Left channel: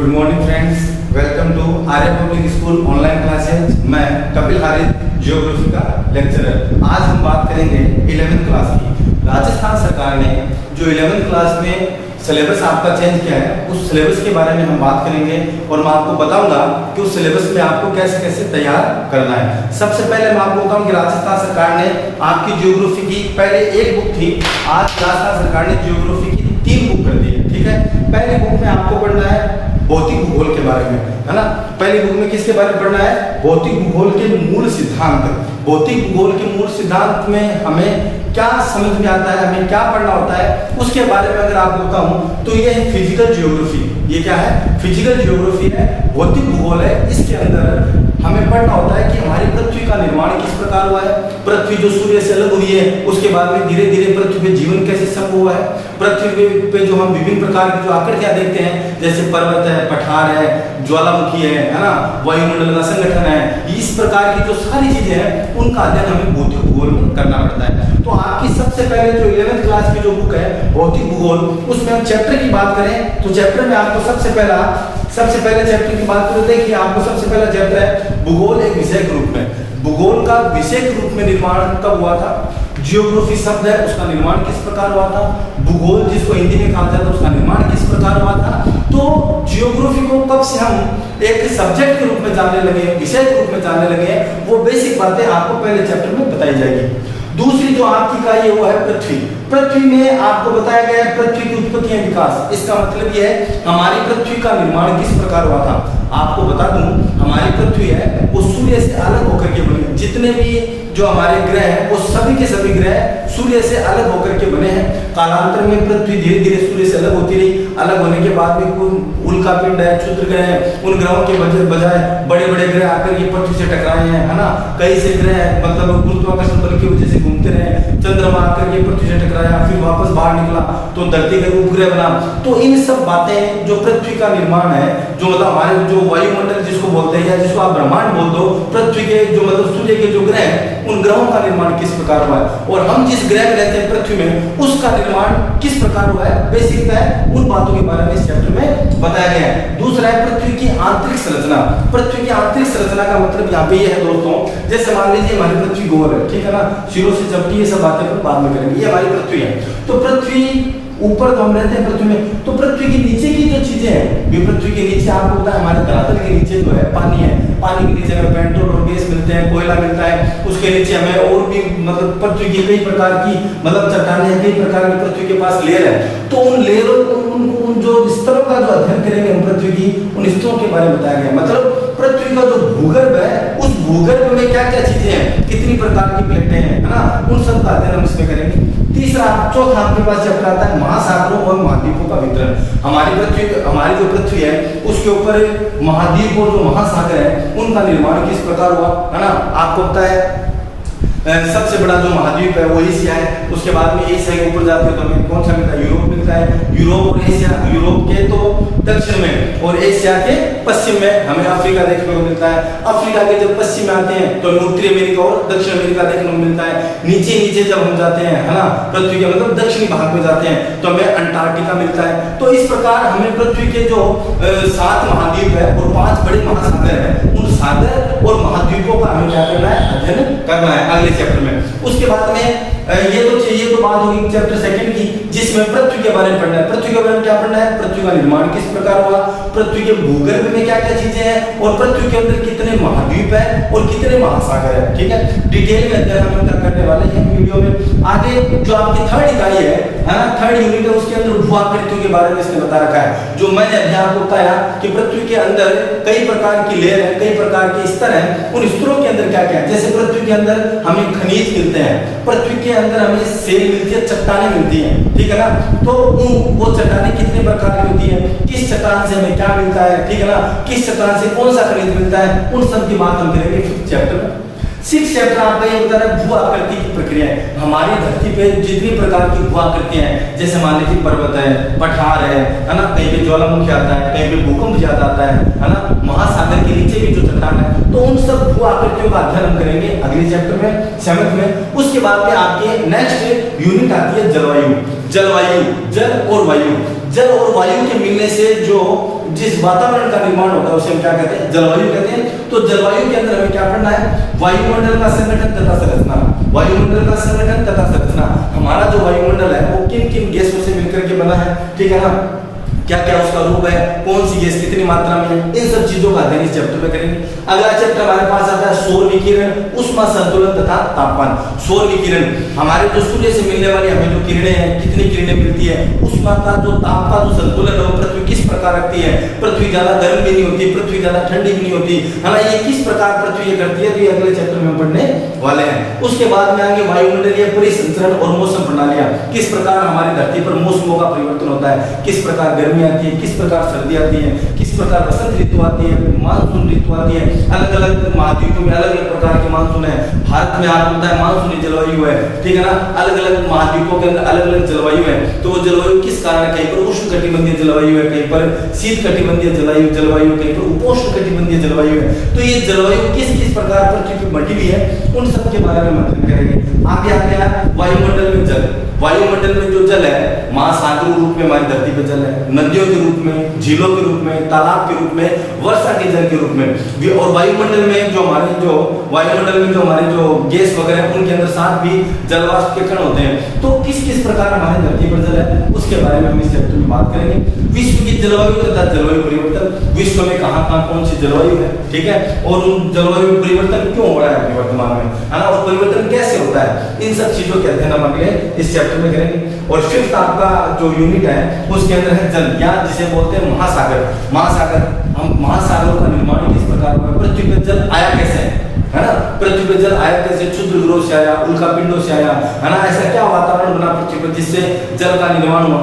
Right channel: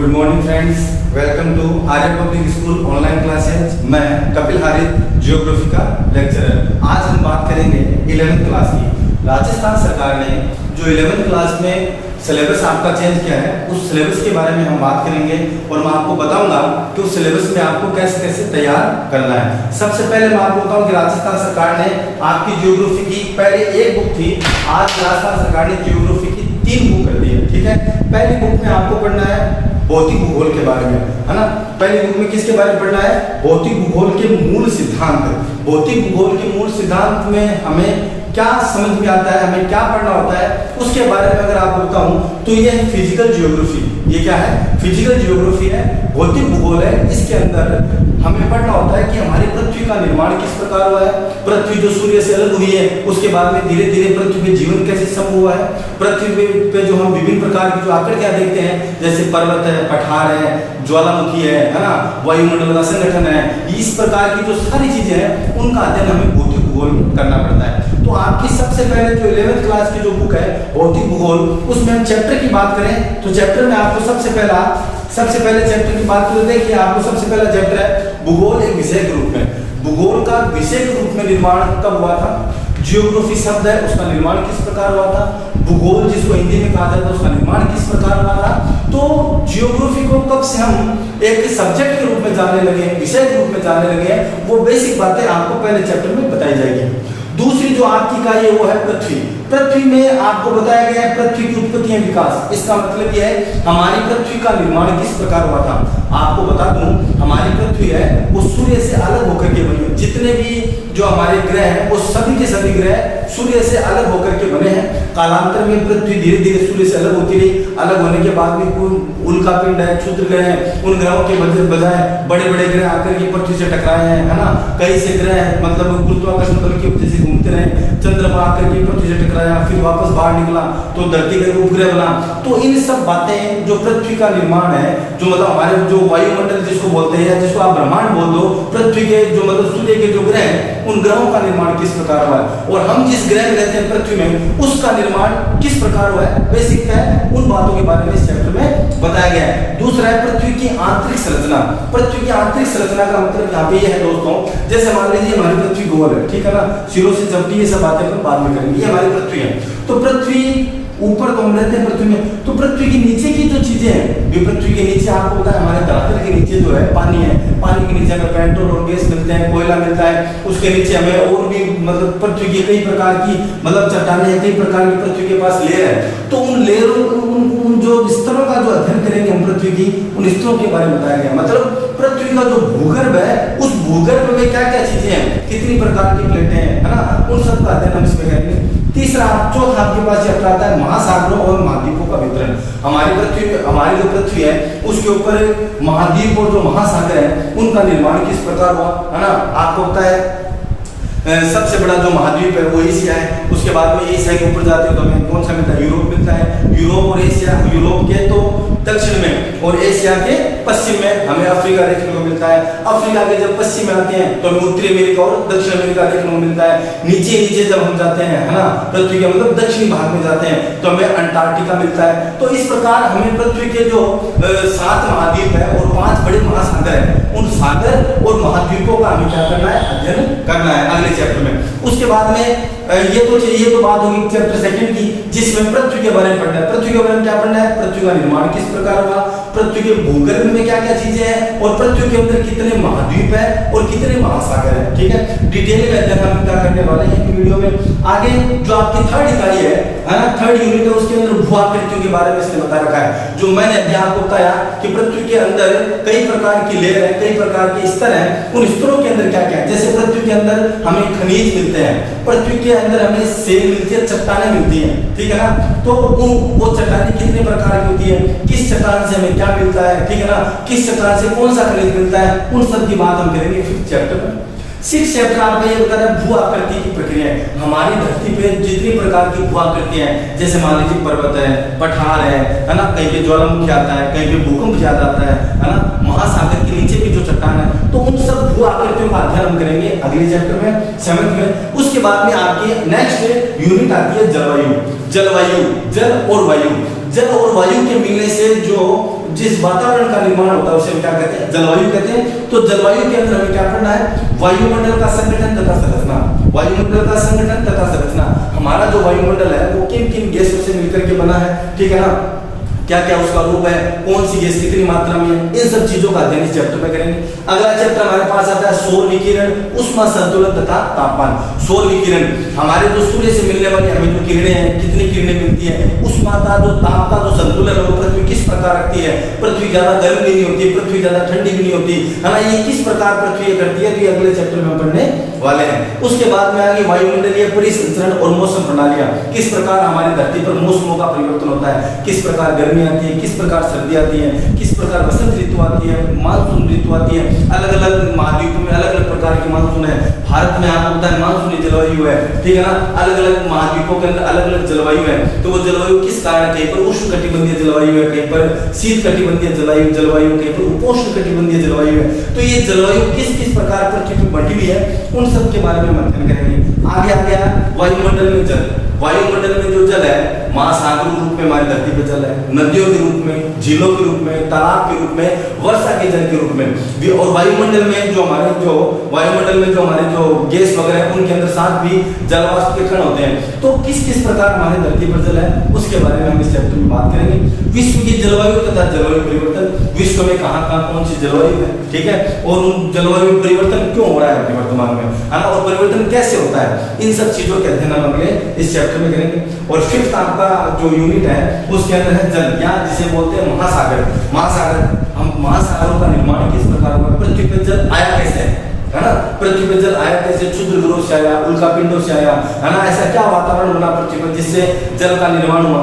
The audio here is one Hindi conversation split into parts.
Good morning friends, welcome to Arya public school online classes. मैं कपिल हारिद, जियोग्राफी का लेक्चरर। आज हम बात करेंगे 11वीं क्लास की। राजस्थान सरकार ने जो 11वीं क्लास में सिलेबस आपका चेंज किया है, उस सिलेबस के बारे में हम बात करेंगे और मैं आपको बताऊंगा कि उस सिलेबस में आपको कैसे कैसे तैयार करना है। सबसे पहले मैं आपको बताऊं कि राजस्थान सरकार ने आपकी जियोग्राफी की पहले एक बुक थी, आज राजस्थान सरकार ने जियोग्राफी की 3 बुक कर दी है। ठीक है, पहली बुक में आपको पढ़ना है भौतिक भूगोल के बारे में, है ना। पहली बुक में किसके बारे में पढ़ना है? भौतिक भूगोल के मूल सिद्धांत। भौतिक भूगोल के मूल सिद्धांत में हमें क्या समझ में आता है, हमें क्या पढ़ना होता है, उसके बारे में अगर आपको बताऊं तो ये है फिजिकल जियोग्राफी। ये क्या है? फिजिकल जियोग्राफी है, भौतिक भूगोल है। इसके अंदर हमें पढ़ना होता है कि हमारी पृथ्वी का निर्माण किस प्रकार हुआ है, पृथ्वी जो सूर्य से अलग हुई है उसके बाद में धीरे धीरे पृथ्वी पे जीवन कैसे संभव हुआ है, पृथ्वी पे जो हम विभिन्न प्रकार की जो आकृतियां देखते हैं जैसे पर्वत है, पठार है, ज्वालामुखी है ना, वायुमंडल का संगठन है, इस प्रकार की जो सारी चीजें हैं उनका अध्ययन हमें भौतिक भूगोल में करना पड़ता है। तो आपकी सबसे पहले जो 11वीं क्लास की जो बुक है भौतिक भूगोल, उसमें हम चैप्टर की बात करें तो चैप्टर में आपको सबसे पहले चैप्टर की बात करें, देखिए आपको सबसे पहला चैप्टर है भूगोल एक विषय के रूप में। भूगोल का विषय के रूप में निर्माण कब हुआ था? जियोग्राफी शब्द है, उसका निर्माण किस प्रकार हुआ था? भूगोल जिसको हिंदी में कहा जाता है उसका निर्माण किस प्रकार हुआ था? तो जियोग्राफी को कब से हम एक सब्जेक्ट के रूप में जानने लगे, विषय के रूप में जानने लगे, वो बेसिक बातें आपको पहले चैप्टर में बताई जाएगी। दूसरी जो आपकी इकाई है वो है पृथ्वी। पृथ्वी में आपको बताया गया है पृथ्वी की उत्पत्ति एवं विकास। इसका मतलब यह है हमारी पृथ्वी का निर्माण किस प्रकार हुआ था। आपको बता दूं हमारी पृथ्वी है वो सूर्य से अलग होकर के बनी। जितने भी जो हमारे ग्रह हैं वो सभी के सभी ग्रह सूर्य से अलग होकर के बने हैं। कालांतर में पृथ्वी धीरे धीरे सूर्य से अलग होती रही। अलग होने के बाद भी उल्का पिंड है, क्षुद्र ग्रह है, उन ग्रहों के बजाय बड़े बड़े ग्रह आकर के पृथ्वी से टकराए हैं, है ना। कई से ग्रह मतलब गुरुत्वाकर्षण बल की वजह से घूमते रहे, चंद्रमा आकर के पृथ्वी से टकराया, फिर वापस बाहर निकला तो धरती का उपग्रह बना। तो इन सब बातें जो पृथ्वी का निर्माण है, जो मतलब हमारे जो वायुमंडल जिसको बोलते हैं, जिसको आप ब्रह्मांड बोल दो, पृथ्वी के जो मतलब सूर्य के जो ग्रह हैं उन ग्रहों का निर्माण किस प्रकार हुआ है और हम जिस ग्रह में रहते हैं पृथ्वी में उसका निर्माण किस प्रकार हुआ है, बेसिक है, उन बातों के बारे में इस चैप्टर में बताया गया है। दूसरा है पृथ्वी की आंतरिक संरचना। पृथ्वी की आंतरिक संरचना का मतलब यहाँ पे ये है दोस्तों, जैसे मान लीजिए हमारी पृथ्वी गोल है, ठीक है ना, सिरों से चपटी, ये सब बातें हम बाद में करेंगे। ये हमारी पृथ्वी है। तो पृथ्वी ऊपर तो हम रहते हैं पृथ्वी में, तो पृथ्वी के नीचे की जो चीजें हैं, पृथ्वी के नीचे आपको पता है हमारे धरातल के नीचे जो है पानी है, पानी के नीचे हमें पेट्रोल और गैस मिलते हैं, कोयला मिलता है, उसके नीचे हमें और भी मतलब पृथ्वी की कई प्रकार की मतलब चट्टानें, कई प्रकार की पृथ्वी के पास लेयर है। तो उन लेयरों उन जो स्तरों का जो अध्ययन करेंगे हम पृथ्वी की, उन स्तरों के बारे में बताया गया। मतलब पृथ्वी का जो भूगर्भ है उस भूगर्भ में क्या क्या चीजें हैं, कितनी प्रकार की प्लेटें हैं, है ना, उन सब का अध्ययन हम इसमें करेंगे। चौथा आपके पास चैप्टर आता है महासागरों और महाद्वीपों का वितरण। हमारी जो पृथ्वी है उसके ऊपर महाद्वीप और जो महासागर है उनका निर्माण किस प्रकार हुआ, है ना। आपको पता है सबसे बड़ा जो महाद्वीप है वो एशिया है। उसके बाद में एशिया के ऊपर जाते हो तो हमें कौन सा मिलता है? यूरोप मिलता है। यूरोप और एशिया, यूरोप के तो दक्षिण में और एशिया के पश्चिम में हमें अफ्रीका देखने को मिलता है। अफ्रीका के जब पश्चिम में आते हैं तो हमें उत्तरी अमेरिका और दक्षिण अमेरिका देखने को मिलता है। नीचे जब हम जाते हैं, है ना, पृथ्वी के मतलब दक्षिणी भाग में जाते हैं तो हमें अंटार्कटिका मिलता है। तो इस प्रकार हमें पृथ्वी के जो 7 महाद्वीप है और 5 बड़े महासागर है, उन सागर और महाद्वीपों का हमें क्या करना है? अध्ययन करना है अगले चैप्टर में। उसके बाद में ये तो बात होगी चैप्टर 2 की, जिसमें पृथ्वी के बारे में पढ़ना है। पृथ्वी के बारे में क्या पढ़ना है? पृथ्वी का निर्माण किस प्रकार हुआ, पृथ्वी के भूगर्भ में क्या क्या चीजें हैं और पृथ्वी के अंदर कितने महाद्वीप है और कितने महासागर है। ठीक है, डिटेल में अध्ययन हम क्या करने वाले हैं वीडियो में। आगे जो आपकी 3rd इकाई है, 3rd यूनिट है, उसके अंदर भू आकृतियों के बारे में इसने बता रखा है। जो मैंने अभी आपको बताया कि पृथ्वी के अंदर कई प्रकार की लेयर है, कई प्रकार के स्तर हैं, उन स्तरों के अंदर क्या क्या है। जैसे पृथ्वी के अंदर हमें खनिज मिलते हैं, पृथ्वी के अंदर हमें सेल मिलती है, चट्टानें मिलती हैं, ठीक है ना। तो वो चट्टानें कितने प्रकार की होती है, किस चट्टान से हमें क्या मिलता है, ठीक है ना, किस चट्टान से कौन सा खनिज मिलता है, उन सब की बात हम करेंगे 5th चैप्टर में। 6th चैप्टर आपका ये बता रहा है भू आकृति की प्रक्रिया। हमारी धरती पे जितनी प्रकार की भू आकृतियां हैं, जैसे मान लीजिए पर्वत है, पठार है ना, कहीं पे ज्वालामुखी आता है, कहीं पे भूकंप ज्यादा आता है ना, महासागर के नीचे भी जो चट्टान है, तो उन सब भू आकृतियों का अध्ययन हम करेंगे अगले चैप्टर में 7th में। उसके बाद में आपके नेक्स्ट यूनिट आती है जलवायु। जल और वायु जल और वायु के मिलने से जो जिस वातावरण का निर्माण होता है उसे हम क्या कहते हैं, जलवायु कहते हैं। तो जलवायु के अंदर हमें क्या पढ़ना है, वायुमंडल का संगठन तथा संरचना। वायुमंडल का संगठन तथा संरचना, हमारा जो वायुमंडल है वो किन किन गैसों से मिलकर के बना है, ठीक है ना, क्या क्या उसका रूप है, कौन सी गैस कितनी मात्रा में है, इन सब चीजों का अध्ययन इस चैप्टर में करेंगे। अगला चैप्टर हमारे पास आता है सौर विकिरण, ऊष्मा संतुलन तथा तापमान। सौर विकिरण, हमारे जो सूर्य से मिलने वाली हमें जो किरणें हैं, कितनी किरणें मिलती है, ऊष्मा का जो ताप का जो संतुलन है वो पृथ्वी किस प्रकार रखती है, पृथ्वी ज्यादा गर्म भी नहीं होती, पृथ्वी ज्यादा ठंडी भी नहीं होती है ना, ये किस प्रकार पृथ्वी करती है, तो ये अगले चैप्टर में पढ़ने वाले हैं। उसके बाद में आगे वायुमंडलीय परिसंचरण और मौसम प्रणालियां, किस प्रकार हमारी धरती पर मौसमों का परिवर्तन होता है, किस प्रकार गर्मी आती है, किस प्रकार सर्दी आती है, किस प्रकार बसंत ऋतु आती है, मानसून ऋतु आती है, अलग अलग महाद्वीपों में अलग अलग प्रकार की मानसून है। भारत में आपको पता है मानसूनी जलवायु है, ठीक है ना, अलग अलग महाद्वीपों के अंदर अलग अलग जलवायु है। तो वो जलवायु किस कारण, कहीं पर उष्णकटिबंधीय जलवायु है, कहीं पर शीतकटिबंधीय जलवायु, कहीं पर उपोष्णकटिबंधीय जलवायु है। तो ये जलवायु किस किस प्रकार पृथ्वी पर बढ़ी हुई है, उन सब के बारे में हम अध्ययन करेंगे। आगे आ गया वायुमंडल में जल। वायुमंडल में जो जल है महासागर रूप में हमारी धरती पर जल है, नदियों के रूप में, झीलों के रूप में, तालाब के रूप में, वर्षा के जल के रूप में। और वायुमंडल में जो हमारे जो गैस वगैरह है उनके अंदर साथ भी जलवाष्प के कण होते हैं। तो किस किस प्रकार हमारी धरती पर जल है उसके बारे में हम इस चैप्टर में बात करेंगे। विश्व की जलवायु तथा जलवायु परिवर्तन, विश्व में कहाँ कहाँ कौन सी जलवायु है, ठीक है, और उन जलवायु में परिवर्तन क्यों हो रहा है वर्तमान में, है ना, और परिवर्तन कैसे होता है, इन सब चीजों के अध्ययन हम अगले इस चैप्टर में करेंगे। और फिफ्थ आपका जो यूनिट है उसके अंदर है जल, या जिसे बोलते हैं महासागर। हम महासागरों का निर्माण किस प्रकार हुआ, पृथ्वी पर जल आया कैसे, है ना, पृथ्वी पर जल आया कैसे, क्षुद्र ग्रहों से आया, उल्कापिंडों से आया, है ना, ऐसा क्या वातावरण बना पृथ्वी पर जिससे जल का निर्माण हुआ,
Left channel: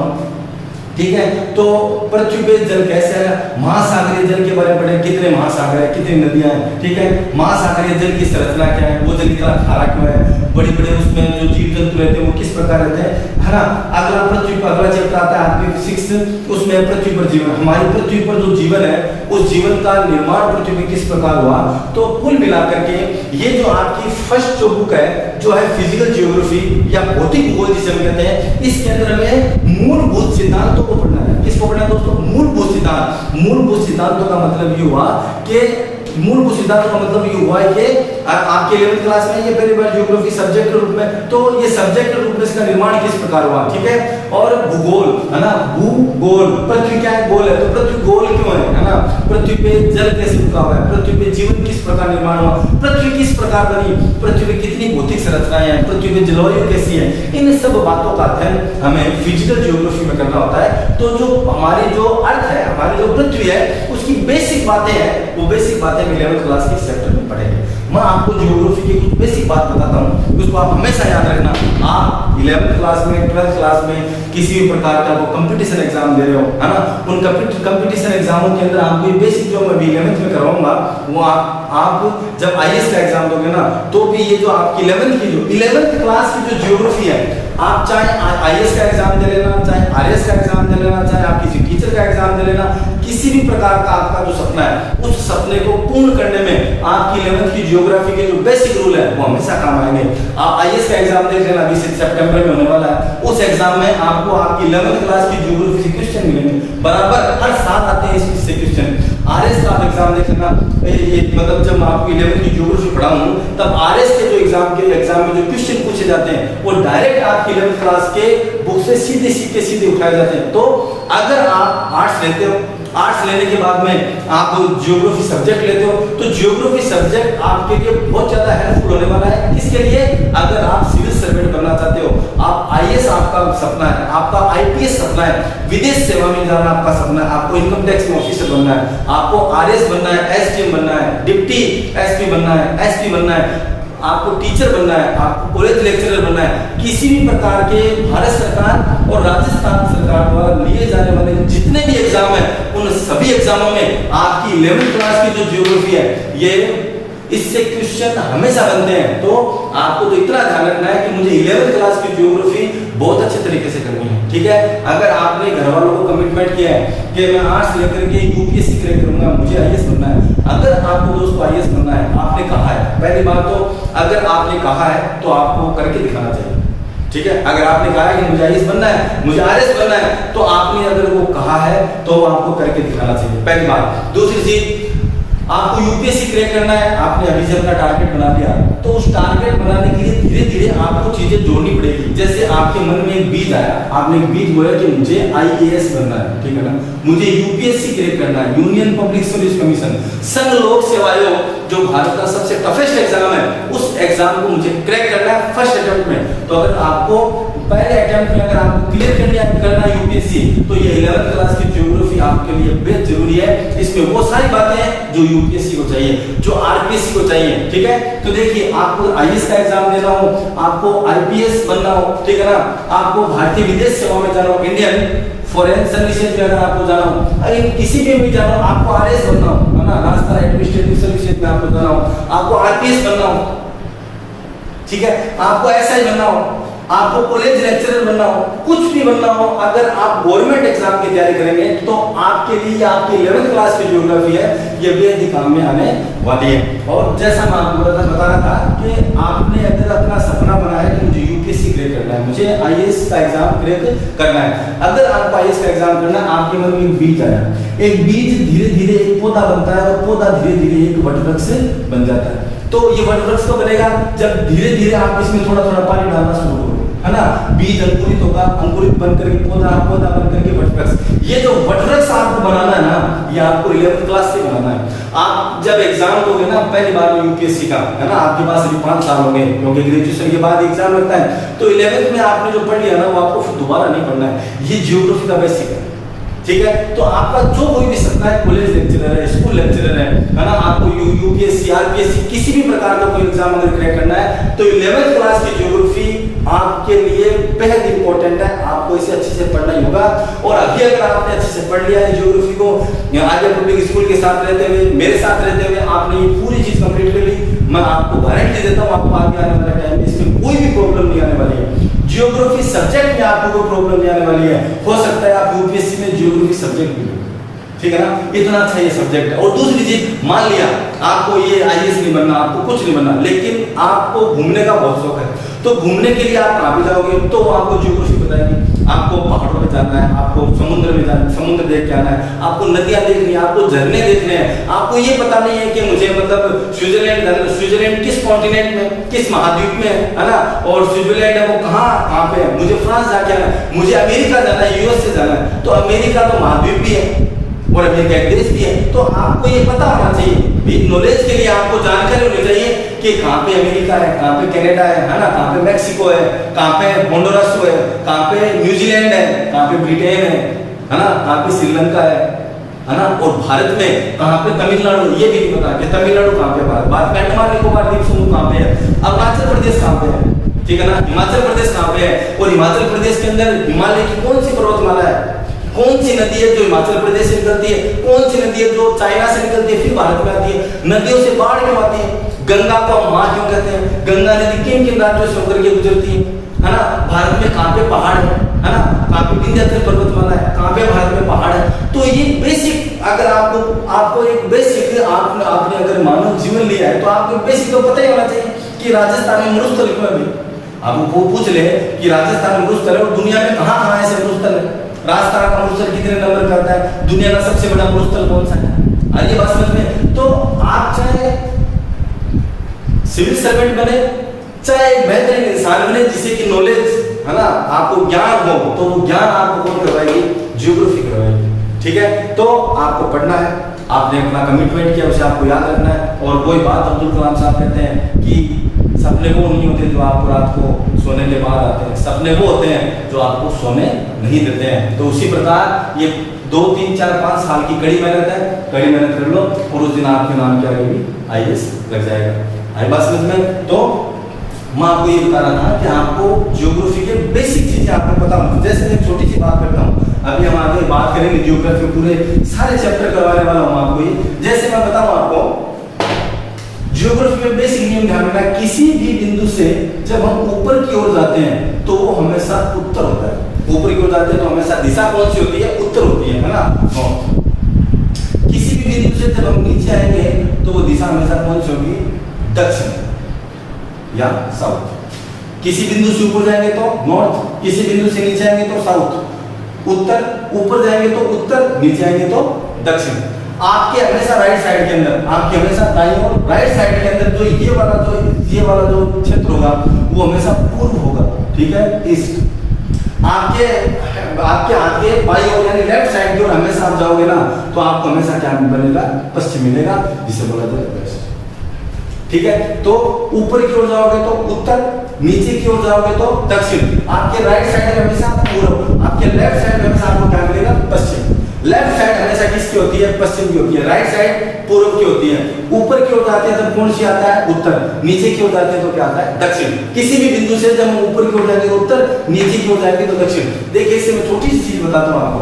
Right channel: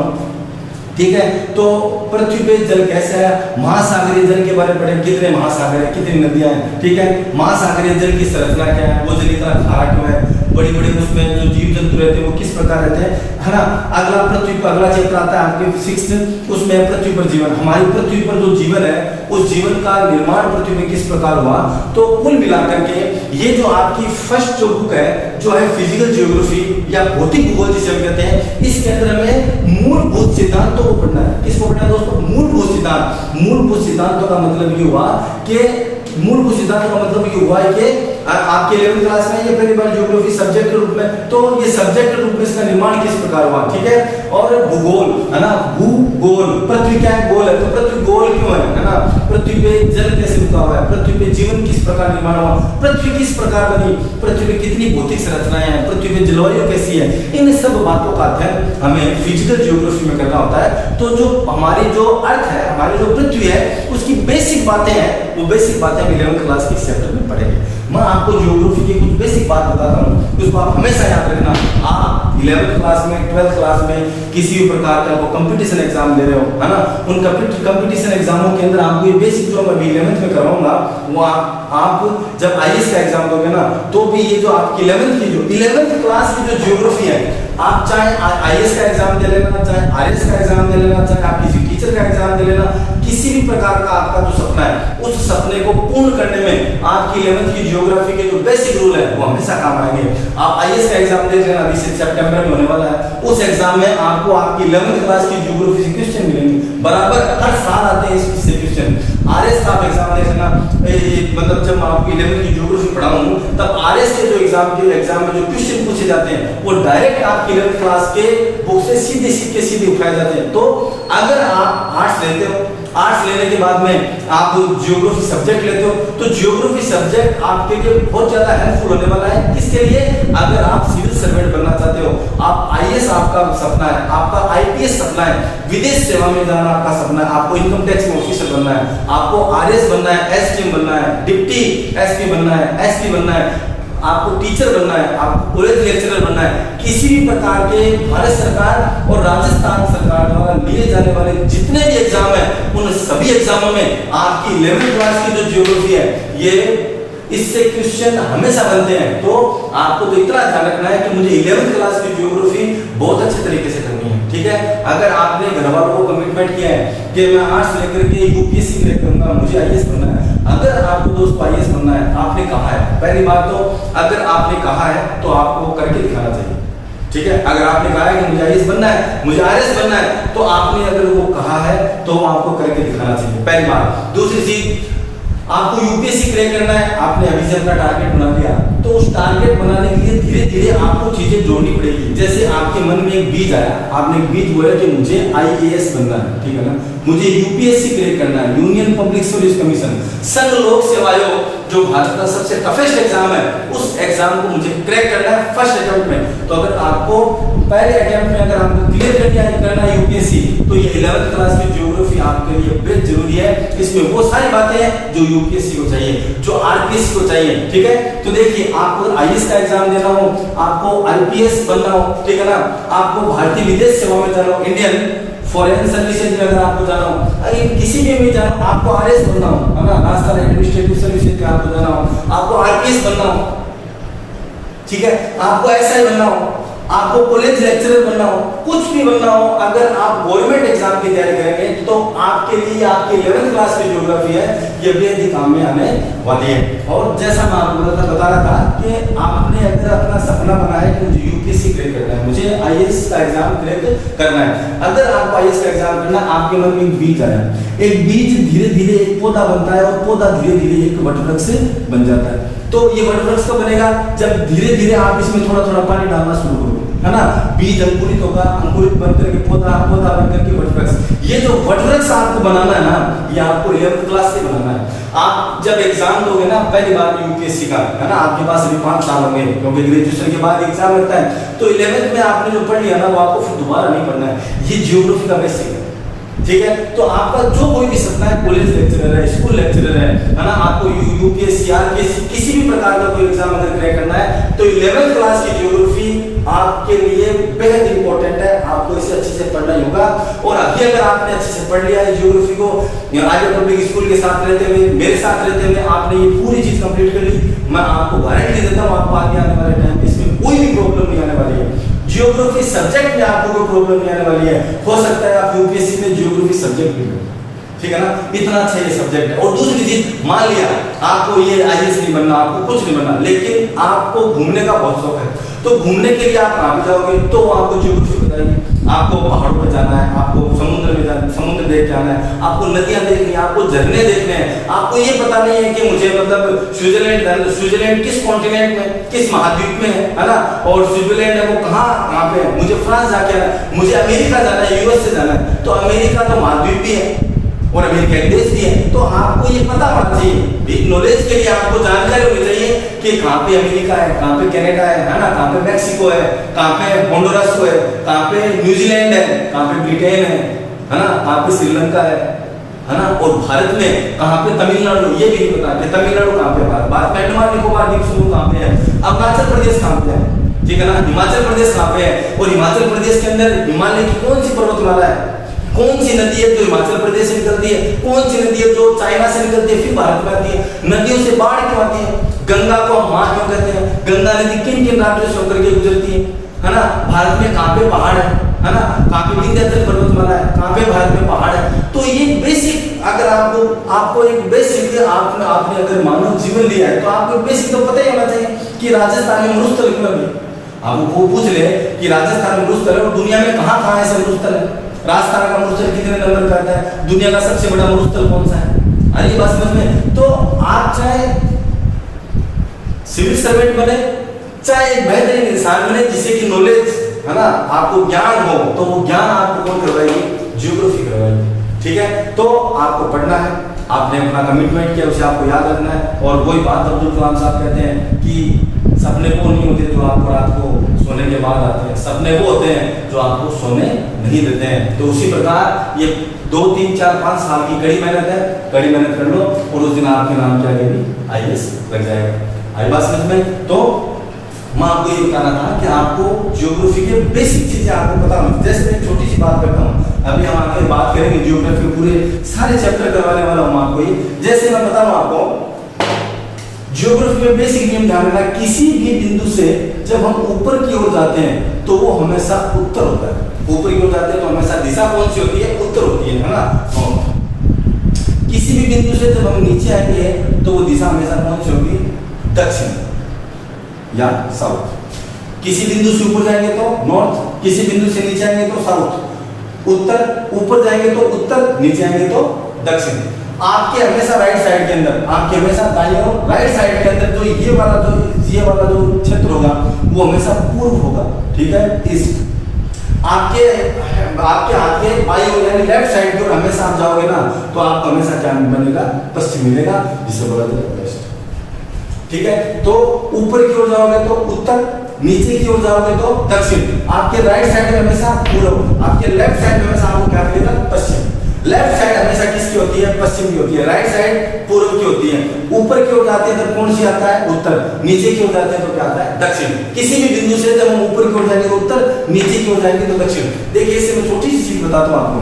ठीक है। तो पृथ्वी पे जल कैसे है, महासागरीय जल के बारे में पढ़े, कितने महासागर है, कितनी नदियां हैं, ठीक है, महासागरीय जल की संरचना क्या है, वो जल इतना खारा क्यों है, बड़ी बड़ी उसमें जो जीव जंतु रहते हैं वो किस प्रकार रहते हैं, है ना। अगला पृथ्वी पर अगला चैप्टर आता है आपके फिजिक्स, उसमें पृथ्वी पर जीवन, हमारी पृथ्वी पर जो जीवन है उस जीवन का निर्माण पृथ्वी में किस प्रकार हुआ। तो कुल मिलाकर के ये जो आपकी फर्स्ट जो बुक है जो है फिजिकल ज्योग्राफी या भौतिक भूगोल जिसे हम कहते हैं, इसके अंदर हमें मूलभूत सिद्धांतों को पढ़ना है। किसको पढ़ना है दोस्तों, मूलभूत सिद्धांत। मूलभूत सिद्धांतों का मतलब ये हुआ कि मूलभूत सिद्धांतों का मतलब ये हुआ है कि आपके 11वीं क्लास में ये पहली बार ज्योग्राफी सब्जेक्ट के रूप में, तो ये सब्जेक्ट के रूप में इसका निर्माण किस प्रकार हुआ, ठीक है। और भूगोल, है ना, भूगोल, पृथ्वी क्या है, गोल है, तो पृथ्वी गोल क्यों है ना, पृथ्वी पे जल कैसे रुका हुआ है, पृथ्वी पे जीवन किस प्रकार निर्माण हुआ, पृथ्वी किस प्रकार बनी, पृथ्वी पे कितनी भौतिक संरचनाएं हैं, पृथ्वी पे जलवायु कैसी है, इन सब बातों का अध्ययन हमें फिजिकल ज्योग्राफी में करना होता है। तो जो हमारी जो अर्थ है, हमारी जो पृथ्वी है, उसकी बेसिक बातें हैं, वो बेसिक बातें 11वीं क्लास के चैप्टर में पढ़ेंगे। मैं आपको ज्योग्राफी की कुछ बेसिक बात बताता हूँ, उसको आप हमेशा याद रखना। आप 11वीं क्लास में, 12वीं क्लास में किसी भी प्रकार का कंपटीशन एग्जाम दे रहे हो, है ना, उन कंपटीशन एग्जामों के अंदर आपको ये बेसिक जो मैं 11वीं में करवाऊंगा वो आप जब आईएएस का एग्जाम दोगे ना, तो भी ये जो आपकी 11वीं क्लास की जो ज्योग्राफी है, आप चाहे आईएएस का एग्जाम दे लेना, चाहे आरएस का एग्जाम दे लेना, चाहे आप किसी टीचर का एग्जाम दे लेना, किसी भी प्रकार का आपका जो सपना है उस सपने को पूर्ण करने में आपकी 11वीं की ज्योग्राफी के जो बेसिक रूल है वो हमेशा काम आएंगे। आप आईएएस का एग्जाम देख लेना, अभी सितंबर में होने वाला है, उस एग्जाम में आपको आपकी 11वीं क्लास की ज्योग्राफी से क्वेश्चन मिलेंगे, बराबर हर साल आते हैं इससे क्वेश्चन। आरएस का आप एग्जाम देख लेना, मतलब जब आपको 11वीं की ज्योग्राफी पढ़ाऊं तब आरएस के जो एग्जाम में जो क्वेश्चन पूछे जाते हैं वो डायरेक्ट आपकी 11वीं क्लास के बुक से सीधे उठाए जाते हैं। तो अगर आप आर्ट्स लेते हो, आर्ट्स लेने के बाद में आप ज्योग्राफी सब्जेक्ट लेते हो, तो ज्योग्राफी सब्जेक्ट आपके लिए बहुत ज्यादा हेल्पफुल होने वाला है। किसके लिए, अगर आप सिविल सर्वेंट बनना चाहते हो, आप आईएएस आपका सपना है, आपका आईपीएस सपना है, विदेश सेवा में जाना आपका सपना है, आपको इनकम टैक्स में ऑफिसर बनना है, आपको आरएस बनना है, एसडी बनना है, डिप्टी एसपी बनना है, एसपी बनना है, आपको टीचर बनना है, आपको कॉलेज लेक्चरर बनना है, किसी भी प्रकार के भारत सरकार और राजस्थान सरकार द्वारा लिए जाने वाले जितने भी एग्जाम है उन सभी एग्जामों में आपकी 11वीं क्लास की जो ज्योग्राफी है ये इससे क्वेश्चन हमेशा बनते हैं। तो आपको तो इतना ध्यान रखना है कि मुझे 11वीं क्लास की ज्योग्राफी बहुत अच्छे तरीके से करनी है, ठीक है। अगर आपने घर वालों को कमिटमेंट किया है कि मैं आर्ट्स लेकर के यूपीएससी क्रैक करूंगा, मुझे आईएएस बनना है, अगर आपको दोस्तों आईएएस बनना है, आपने कहा है, पहली बात तो अगर आपने कहा है तो आपको करके दिखाना चाहिए, ठीक है, अगर आपने कहा है कि मुझे आईएएस बनना है, मुझे आरएस बनना है, तो आपने अगर वो कहा है तो आपको करके दिखाना चाहिए, पहली बात। दूसरी चीज, आपको यूपीएससी क्रैक करना है, आपने अभी से अपना टारगेट बना दिया, तो उस टारगेट बनाने के लिए धीरे धीरे आपको चीजें जोड़नी पड़ेगी। जैसे आपके मन में एक बीज आया, आपने एक बीज बोला कि मुझे आईएएस बनना है, ठीक है ना, मुझे यूपीएससी क्रैक करना है, यूनियन पब्लिक सर्विस कमीशन, संघ लोक सेवा आयोग, जो भारत का सबसे टफेस्ट एग्जाम है, उस एग्जाम को मुझे क्रैक करना है फर्स्ट अटेम्प्ट में। तो अगर आपको पहले अटेम्प्ट में अगर आपको क्लियर करना है यूपीएससी, तो ये 11th क्लास की ज्योग्राफी आपके लिए बेहद जरूरी है। इसमें वो सारी बातें हैं जो यूपीएससी को चाहिए, जो आरपीएससी को चाहिए, ठीक है। तो देखिए, आपको आईएएस का एग्जाम देना हो, आपको आईपीएस बनना हो, ठीक है ना, आपको भारतीय विदेश सेवा में जाना हो, इंडियन फॉरेन सर्विसेज में अगर आपको जाना हो, अगर किसी में जाना हो, आपको आरएस बनना हो, है ना, राजस्थान एडमिनिस्ट्रेटिव सर्विसेज में आपको जाना हो, आपको आरपीएस बनना हो, ठीक है, आपको एसआई बनना हो, आपको कॉलेज लेक्चरर बनना हो, कुछ भी बनना हो, अगर आप गवर्नमेंट एग्जाम की तैयारी करेंगे तो आपके लिए आपकी 11th क्लास की ज्योग्राफी है, ये बेहद ही काम में आने वाली है। और जैसा मैं आपको बता रहा था कि आपने अगर अपना सपना बना है कि मुझे यूपीएससी क्रैक करना है, मुझे आईएएस का एग्जाम क्रैक करना है, अगर आपको आईएएस का एग्जाम करना है, आपके मन में एक बीज आया, एक बीज धीरे धीरे एक पौधा बनता है और पौधा धीरे धीरे एक वटवृक्ष बन जाता है। तो ये वटवृक्ष कब बनेगा? जब धीरे धीरे आप इसमें थोड़ा थोड़ा पानी डालना शुरू करो, है ना, बीज अंकुरित होगा, अंकुरित बनकर के पौधा, पौधा बनकर के वटवृक्ष। ये जो वटवृक्ष आपको बनाना है ना, ये आपको 11th क्लास से बनाना है। आप जब एग्जाम दोगे ना पहली बार यूपीएससी का, है ना, आपके पास अभी 5 साल होंगे, क्योंकि ग्रेजुएशन के बाद एग्जाम होता है, तो 11th में आपने जो पढ़ लिया ना, वो आपको फिर दोबारा नहीं पढ़ना है। ये ज्योग्राफी का बेसिक है, ठीक है। तो आपका जो कोई भी सपना है, कॉलेज लेक्चरर है, स्कूल लेक्चरर है ना, आपको यूपीएससी आरपीएससी किसी भी प्रकार का कोई एग्जाम अगर क्रैक करना है, तो 11th क्लास की ज्योग्राफी आपके लिए बेहद इंपॉर्टेंट है। आपको इसे अच्छे से पढ़ना होगा। और अभी अगर आपने अच्छे से पढ़ लिया है ज्योग्राफी को, आगे पब्लिक स्कूल के साथ रहते हुए, मेरे साथ रहते हुए आपने ये पूरी चीज कंप्लीट कर ली, मैं आपको गारंटी देता हूँ आपको आगे आने वाले टाइम इसमें कोई भी प्रॉब्लम नहीं आने वाली है। ज्योग्राफी सब्जेक्ट में आपको कोई प्रॉब्लम नहीं आने वाली है। हो सकता है आप यूपीएससी में ज्योग्राफी सब्जेक्ट भी हो, ठीक है ना, इतना अच्छा ये सब्जेक्ट है। और दूसरी चीज, मान लिया आपको ये आईएएस नहीं बनना, आपको कुछ नहीं बनना, लेकिन आपको घूमने का बहुत शौक है, तो घूमने के लिए आप कहाँ पे जाओगे? तो आपको ज्योग्राफी बताएगी। आपको पहाड़ों पर जाना है, आपको समुद्र में जाना, समुद्र देख के आना है, आपको नदियां देखनी है, आपको झरने देखने हैं। आपको ये पता नहीं है कि मुझे मतलब स्विट्जरलैंड किस कॉन्टिनेंट में, किस महाद्वीप में है ना, और स्विट्जरलैंड है वो कहाँ पे है, मुझे फ्रांस जाके आना है, मुझे अमेरिका जाना है, यूएस से जाना है, तो अमेरिका तो महाद्वीप भी है और अमेरिका एक देश भी है। तो आपको ये पता होना चाहिए, नॉलेज के लिए आपको जानकारी होनी चाहिए कि कहाँ पे अमेरिका है, कहाँ पे कनाडा है ना, कहाँ पे मैक्सिको है, कहाँ पे होंडुरास है, कहाँ पे न्यूजीलैंड है, कहाँ पे ब्रिटेन है ना, कहाँ पे श्रीलंका है ना, और भारत में कहाँ पे तमिलनाडु, ये भी नहीं पता कि तमिलनाडु कहाँ पे, भारत में अंडमान निकोबार द्वीप समूह कहाँ पे है, अरुणाचल प्रदेश कहाँ पे है, ठीक है ना, हिमाचल प्रदेश कहाँ पे है, और हिमाचल प्रदेश के अंदर हिमालय की कौन सी पर्वतमाला है, कौन सी नदी है जो हिमाचल प्रदेश से निकलती है, कौन सी नदी है जो चाइना से निकलती है फिर भारत में आती है, नदियों से बाढ़ क्यों आती है, गंगा को हम मां क्यों कहते हैं, गंगा नदी किन किन राज्यों से होकर के गुजरती है ना, भारत में कहाँ पे पहाड़ है ना, कहाँ पे विंध्याचल पर्वतमाला है, कहाँ पे भारत में पहाड़ है। तो ये बेसिक, अगर आपको एक बेसिक आपने अगर मानव जीवन लिया है, तो आपको बेसिक तो पता ही होना चाहिए कि राजस्थान में मरुस्थल क्यों है। आप वो पूछ ले कि राजस्थान में मरुस्थल है और दुनिया में कहाँ कहाँ ऐसे मरुस्थल है, राजस्थान का मरुस्थल कितने नंबर करता है, दुनिया का सबसे बड़ा मरुस्थल कौन सा है, ये बात समझ में। तो आप चाहे सिविल सर्वेंट बने, चाहे बेहतरीन इंसान बने जिसे की नॉलेज है ना, आपको ज्ञान हो, तो वो ज्ञान आपको कौन करवाएगी? ज्योग्राफी करवाएगी, ठीक है। तो आपको पढ़ना है, आपने अपना कमिटमेंट किया, उसे आपको याद रखना है। और वही बात अब्दुल कलाम साहब कहते हैं कि सपने वो नहीं होते जो आपको रात को सोने के बाद आते हैं, सपने वो होते हैं जो आपको सोने नहीं देते हैं। तो उसी प्रकार ये 2, 3, 4, 5 साल की कड़ी मेहनत है, कड़ी मेहनत कर लो और उस दिन आपके नाम क्या आएगी? आईएएस लग जाएगा। आई बात समझ में? तो मैं आपको ये बता रहा था कि आपको ज्योग्राफी के बेसिक चीजें आपको पता होनी। जैसे मैं छोटी सी बात करता हूँ, अभी हम आगे बात करेंगे ज्योग्राफी पूरे सारे चैप्टर करवाने वाला हूँ आपको ये। जैसे मैं बताऊँ आपको ज्योग्राफी में बेसिक नियम ध्यान रखना, किसी भी बिंदु से जब हम ऊपर की ओर जाते हैं तो वो हमेशा उत्तर होता है। ऊपर की ओर जाते हैं तो हमेशा दिशा कौन सी होती है? उत्तर होती है ना। किसी भी बिंदु से जब हम नीचे आएंगे तो वो दिशा हमेशा कौन सी होगी? दक्षिण या साउथ। किसी बिंदु से ऊपर जाएंगे तो नॉर्थ, किसी बिंदु से नीचे आएंगे तो साउथ, उत्तर, ऊपर जाएंगे तो उत्तर, नीचे आएंगे तो दक्षिण। आपके हमेशा राइट साइड के अंदर, आपके हमेशा दाईं और राइट साइड के अंदर जो ये वाला जो क्षेत्र होगा वो हमेशा पूर्व होगा, ठीक है, ईस्ट। आपके हाथ के बाईं ओर यानी लेफ्ट साइड की ओर हमेशा आप जाओगे ना तो आपको हमेशा क्या मिलेगा, पश्चिम मिलेगा, जिसे बोला जाता है वेस्ट, ठीक है। तो ऊपर की ओर जाओगे तो उत्तर, नीचे की ओर जाओगे तो दक्षिण। आपके राइट साइड हमेशा पूर्व, आपके लेफ्ट साइड हमेशा आपको क्या मिलेगा, पश्चिम। लेफ्ट साइड हमेशा किसकी होती है, पश्चिम की होती है, राइट साइड पूर्व की होती है। ऊपर की ओर जाते हैं तो कौन सी आता है, उत्तर, नीचे की ओर जाते हैं तो क्या आता है, दक्षिण। किसी भी बिंदु से जब हम ऊपर की ओर जाएंगे तो उत्तर, नीचे की ओर जाएंगे तो दक्षिण। देखिए इससे मैं छोटी सी चीज बताता हूँ आपको,